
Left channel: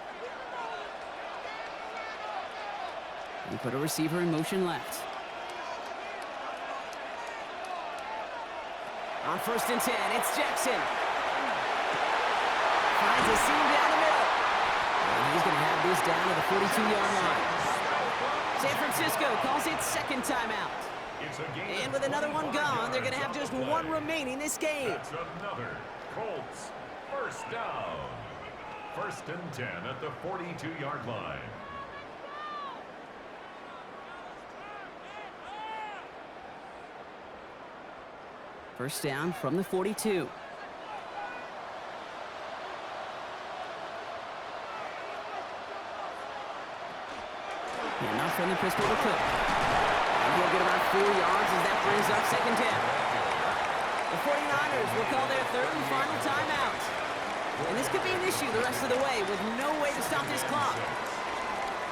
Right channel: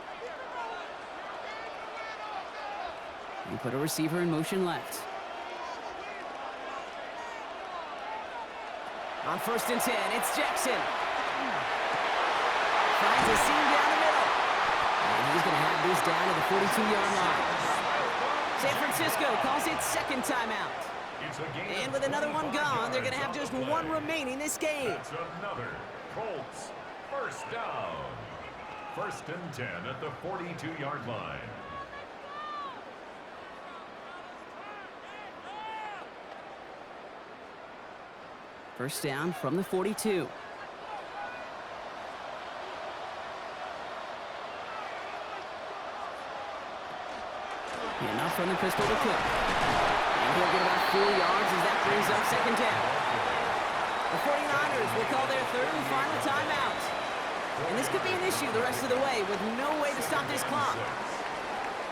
You put a receiver in motion left. On 1st and 10, it's Jackson. Finds a seam down the middle. And he's going to have this down to the 42-yard line. San Francisco calls it second timeout. And with another one gone, they're going to have just 1 remaining this game. That's another Colts first down. 1st and 10 at the 42-yard line. First down from the 42. And up from the pistol to Cook. And he'll get about 4 yards as that brings up 2nd down. The 49ers will call their 3rd and final timeout. And this could be an issue the rest of the way with no way to stop this clock.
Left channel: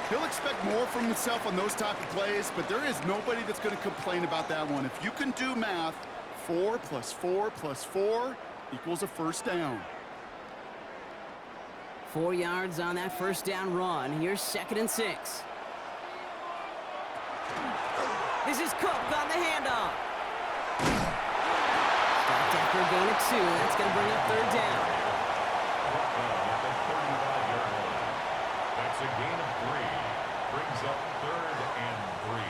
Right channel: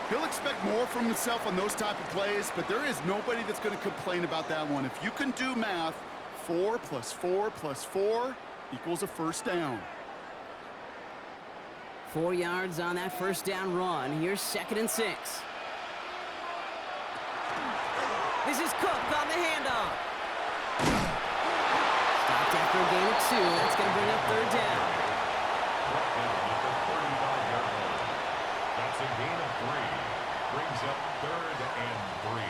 He'll expect more from himself on those type of plays, but there is nobody that's going to complain about that one. If you can do math, 4 plus 4 plus 4 equals a first down. 4 yards on that first down run. Here's 2nd and 6. This is Cook on the handoff. Stopped after a gain of 2. That's going to bring up 3rd down. Brought down at the 35-yard line. That's a gain of 3. Brings up 3rd and 3.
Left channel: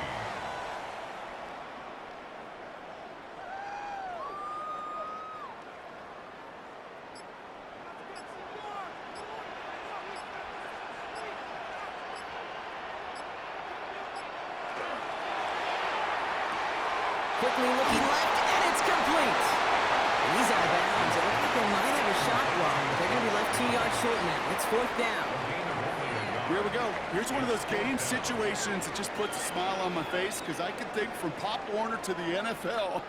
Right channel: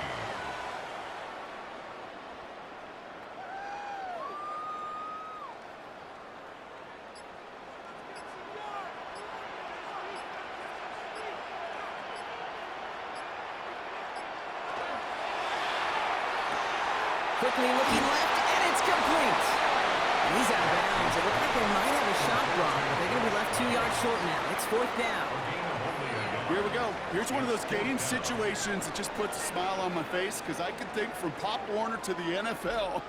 Quickly looking left, and it's complete. And he's out of bounds. It looked like they might have a shot block, but they're going to be left 2 yards short now. It's 4th down. Here we go. Here's one of those game situations that just puts a smile on my face because I can think from Pop Warner to the NFL.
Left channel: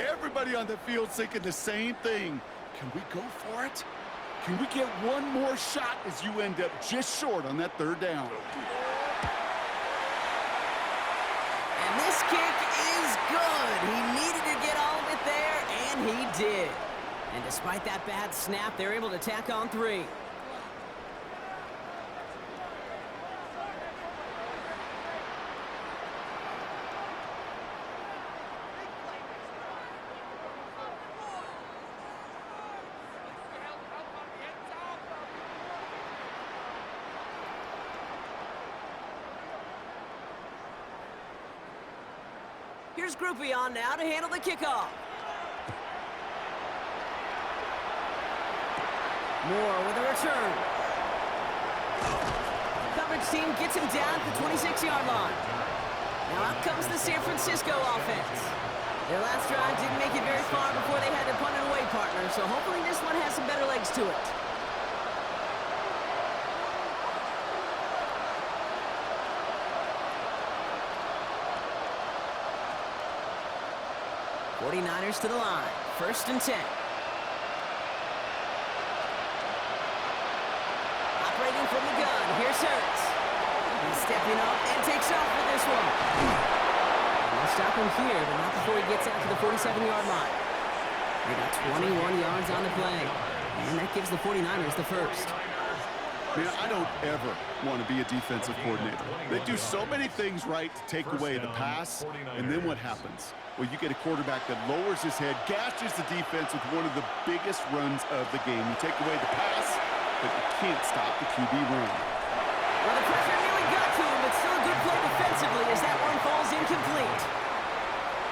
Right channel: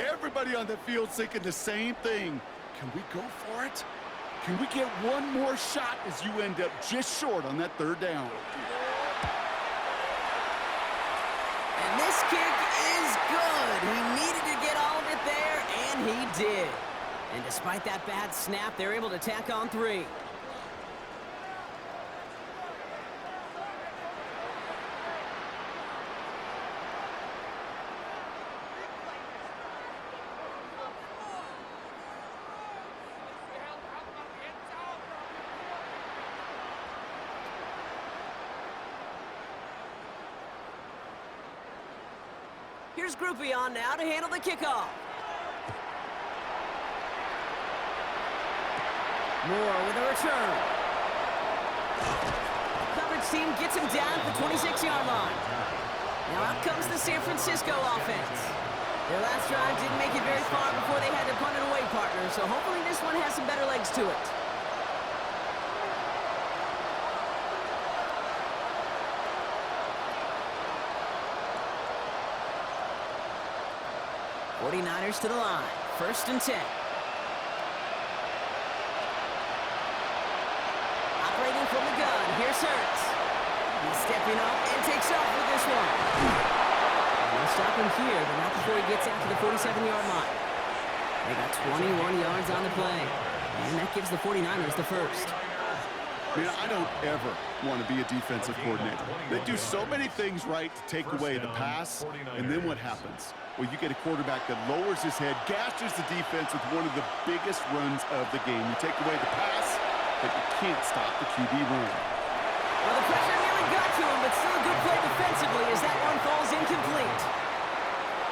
Everybody on the field thinking the same thing. Can we go for it? Can we get one more shot as you end up just short on that 3rd down? And this kick is good. He needed to get all of it there, and he did. And despite that bad snap, they're able to tack on 3. Here's Groupie on now to handle the kickoff. Moore with a return. Coverage team gets him down at the 26-yard line. Now out comes the San Francisco offense. Their last drive didn't make it very far before they had to punt it away, partner, so hopefully this one has some better legs to it. '49ers to the line. 1st and 10. Operating from the gun. Here's Hurts. He's stepping up and takes off with this one. And they'll stop him here, but not before he gets out to the 47-yard line. They got 21 yards on the play. And that gives the 49ers the first. Man, I don't ever want to be a defensive coordinator. They do so many things right to take away the pass, and then what happens? Well, you get a quarterback that lowers his head, gashes the defense with one of the biggest runs of the game. You take away the pass, but you can't stop the QB run. Well, the pressure nearly got to him, but still a good play defensively as that one falls incomplete.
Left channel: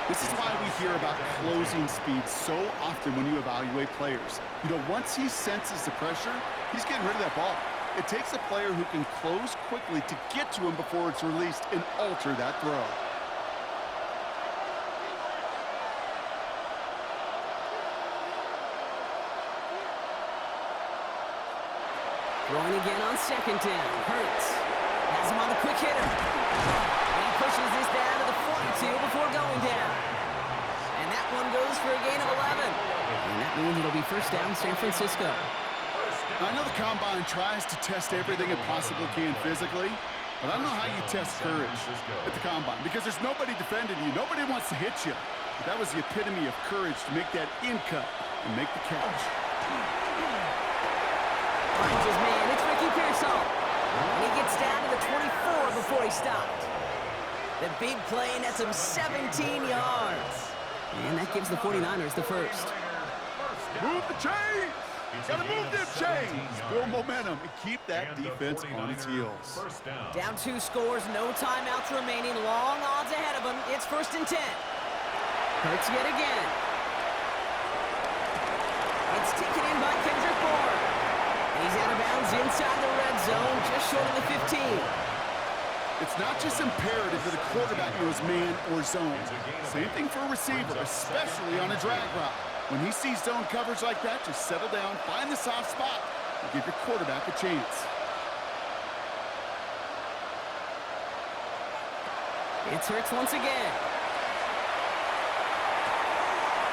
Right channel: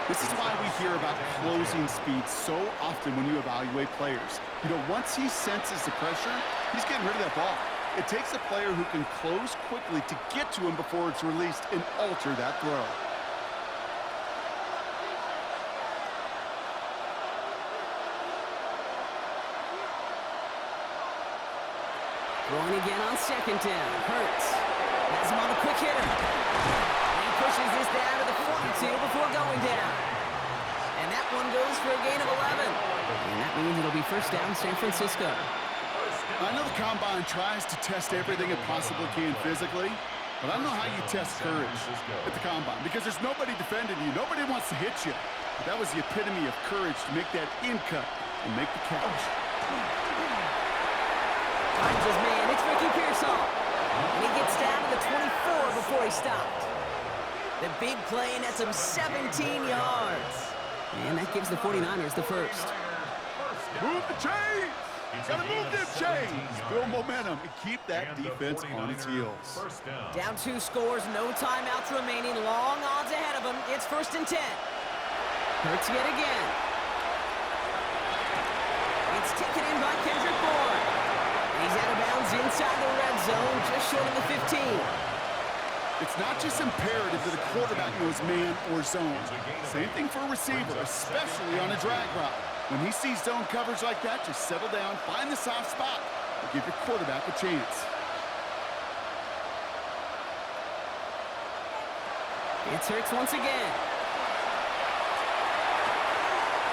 This is why we hear about closing speed so often when you evaluate players. You know, once he senses the pressure, he's getting rid of that ball. It takes a player who can close quickly to get to him before it's released and alter that throw. Throwing again on 2nd down. Hurts has him on the quick hitter. And he pushes this down to the 42 before going down. And that one goes for a gain of 11. And that means it'll be 1st down San Francisco. I know the Combine tries to test everything it possibly can physically, but I don't know how you test courage at the Combine because there's nobody defending you. Nobody wants to hit you. But that was the epitome of courage to make that in cut and make the catch. Finds his man. It's Ricky Pearsall. And he gets down to the 24 before he stopped. The big play nets him 17 yards. And that gives the 49ers the first. Move the chains! Gotta move them chains! Build momentum and keep that defense on its heels. Down 2 scores, no timeouts remaining. Long odds ahead of him. It's 1st and 10. Hurts yet again. It's taken in by Kendrick Bourne. And he's out of bounds inside the red zone, just short of the 15. It's not just imperative that a quarterback knows man or zone. Same thing for a receiver, especially on a drag route. When he sees zone coverage like that, just settle down, find the soft spot, and give your quarterback a chance. It's Hurts once again.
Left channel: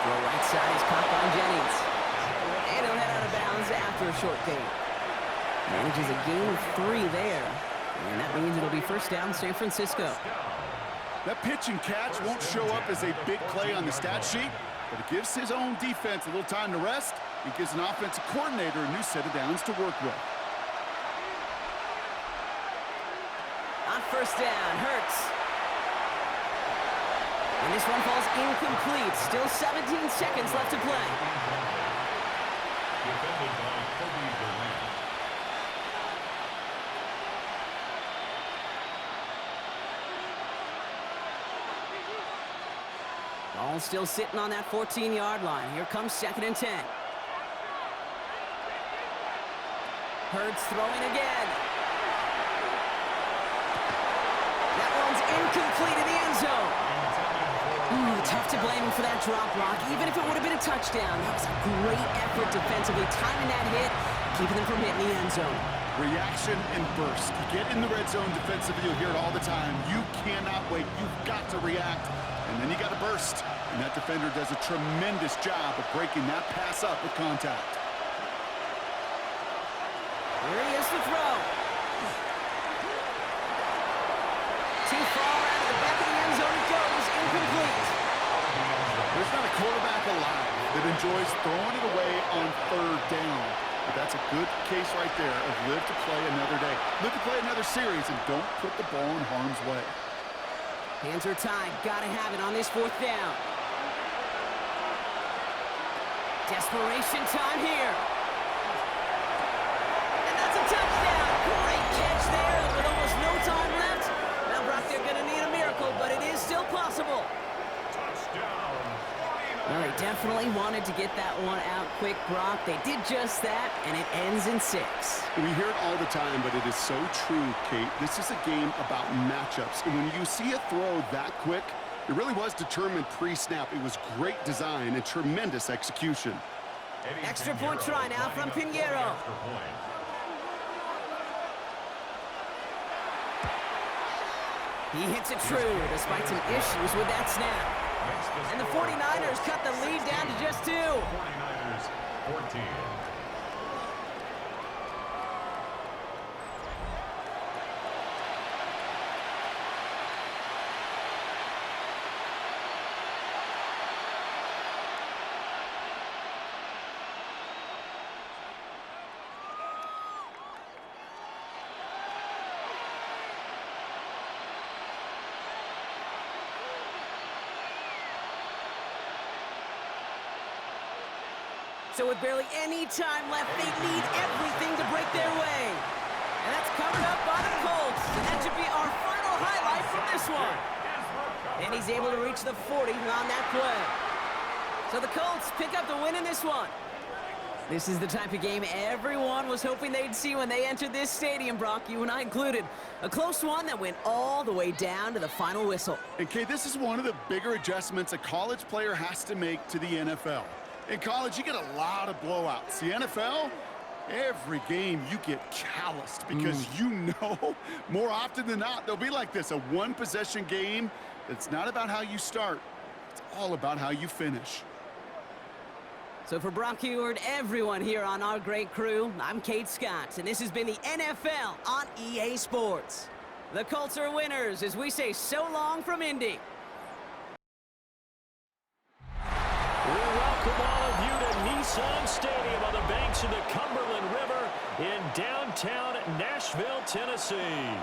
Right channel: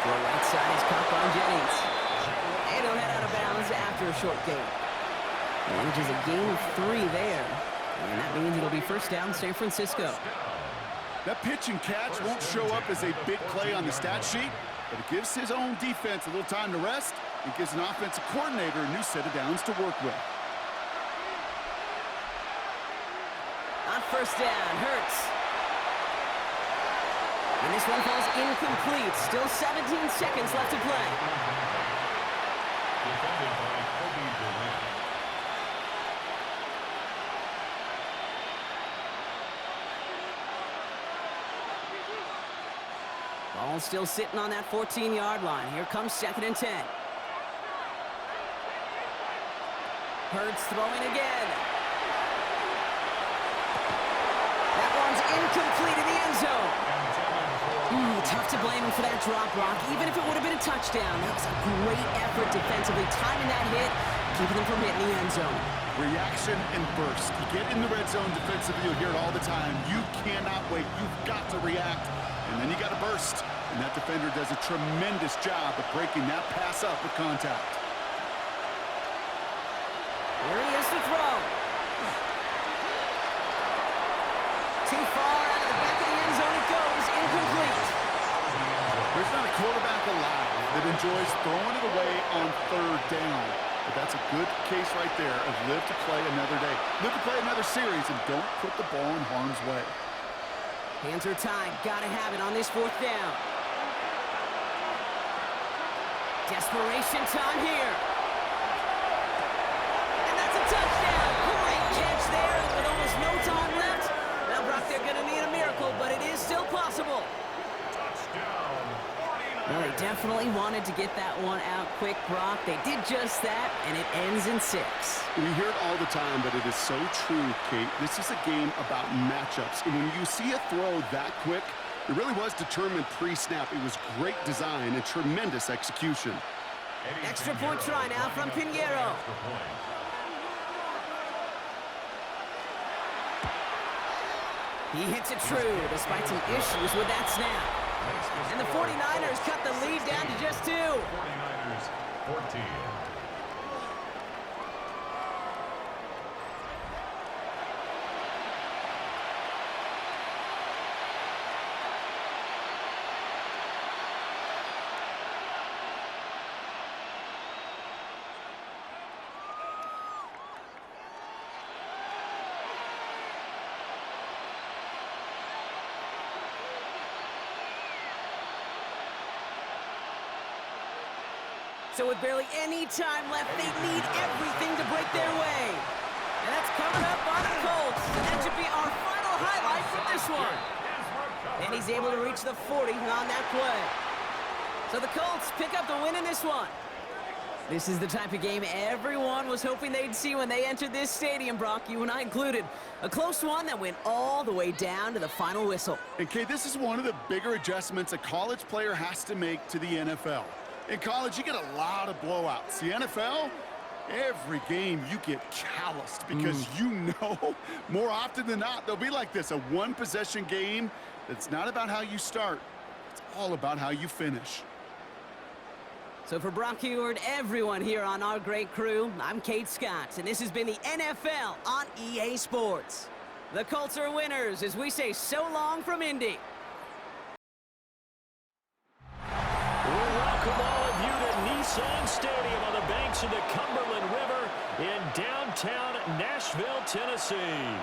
Throw right side is caught by Jennings. And he'll head out of bounds after a short gain. Manages a gain of 3 there. And that means it'll be 1st down San Francisco. That pitch and catch won't show up as a big play on the stat sheet, but it gives his own defense a little time to rest. It gives an offensive coordinator a new set of downs to work with. On 1st down, Hurts. And this one falls incomplete. Still 17 seconds left to play. Defended by Kobe Durant. Ball still sitting on that 14-yard line. Here comes 2nd and 10. Hurts throwing again. That one's incomplete in the end zone. Tough to blame him for that drop block, even if it would have been a touchdown. That was a great effort defensively, timing that hit, keeping them from hitting the end zone. Reaction and burst. You get in the red zone defensively, you'll hear it all the time. You cannot wait. You've got to react. And then you got to burst. And that defender does a tremendous job of breaking that pass up with contact. Here he is to throw. Too far out of the back of the end zone it goes. Incomplete. There's not a quarterback alive that enjoys throwing it away on 3rd down. But that's a good case right there of live to play another day. Live to play another series and don't put the ball in harm's way. Hands are tied. Gotta have it on this 4th down. Desperation time here. And that's a touchdown. Great catch there. And with almost no time left, now, Brock, they're going to need a miracle, but it is still possible. Touchdown, 49ers. Well, they definitely wanted to get that one out quick, Brock. They did just that, and it ends in 6. We hear it all the time, but it is so true, Kate. This is a game about matchups. And when you see a throw that quick, It really was determined pre-snap. It was great design and tremendous execution. Extra point try now from Pinheiro. He hits it true despite some issues with that snap. And the 49ers cut the lead down to just 2. 49ers 14. So with barely any time left, they need everything to break their way. And that's covered up by the Colts. And that should be our final highlight from this one. And he's able to reach the 40 on that play. So the Colts pick up the win in this one. This is the type of game everyone was hoping they'd see when they entered this stadium, Brock, you and I included. A close one that went all the way down to the final whistle. And Kay, this is one of the bigger adjustments a college player has to make to the NFL. In college, you get a lot of blowouts. The NFL, every game you get calloused because you know more often than not they'll be like this, a one-possession game that's not about how you start. It's all about how you finish. So for Brock Heward, everyone here on our great crew, I'm Kate Scott, and this has been the NFL on EA Sports. The Colts are winners as we say so long from Indy. We welcome all of you to Nissan Stadium on the banks of the Cumberland River in downtown Nashville, Tennessee.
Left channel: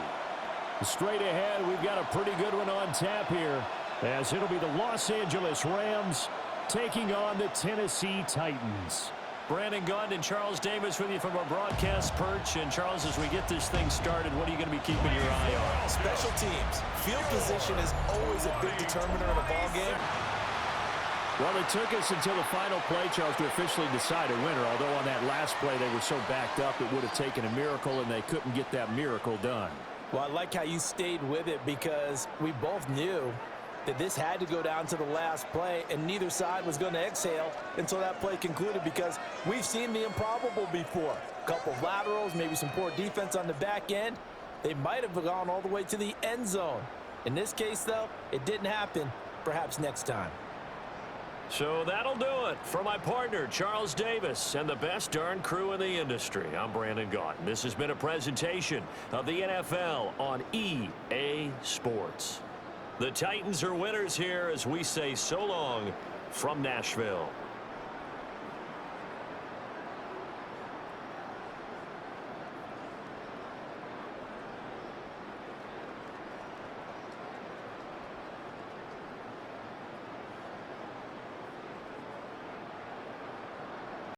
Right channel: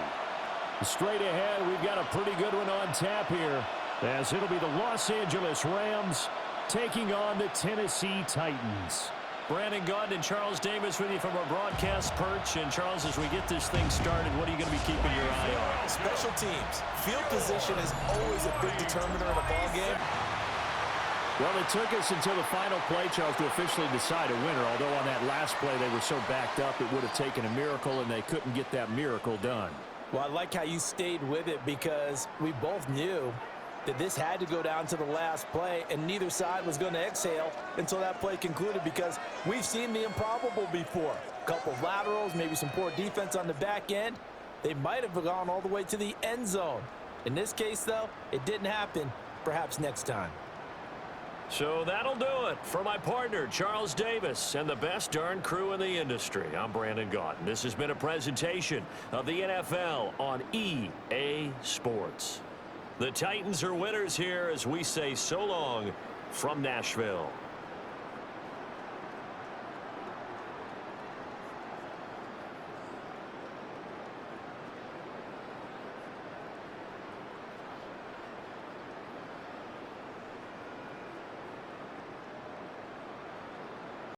Straight ahead, we've got a pretty good one on tap here, as it'll be the Los Angeles Rams taking on the Tennessee Titans. Brandon Gaudin and Charles Davis with you from our broadcast perch. And Charles, as we get this thing started, what are you going to be keeping your eye on? Special teams. Field position is always a big determiner in a ball game. Well, it took us until the final play, Charles, to officially decide a winner. Although on that last play they were so backed up, it would have taken a miracle, and they couldn't get that miracle done. Well, I like how you stayed with it because we both knew that this had to go down to the last play, and neither side was going to exhale until that play concluded because we've seen the improbable before. A couple of laterals, maybe some poor defense on the back end. They might have gone all the way to the end zone. In this case, though, it didn't happen. Perhaps next time. So that'll do it for my partner, Charles Davis, and the best darn crew in the industry. I'm Brandon Gaudin. This has been a presentation of the NFL on EA Sports. The Titans are winners here as we say so long from Nashville.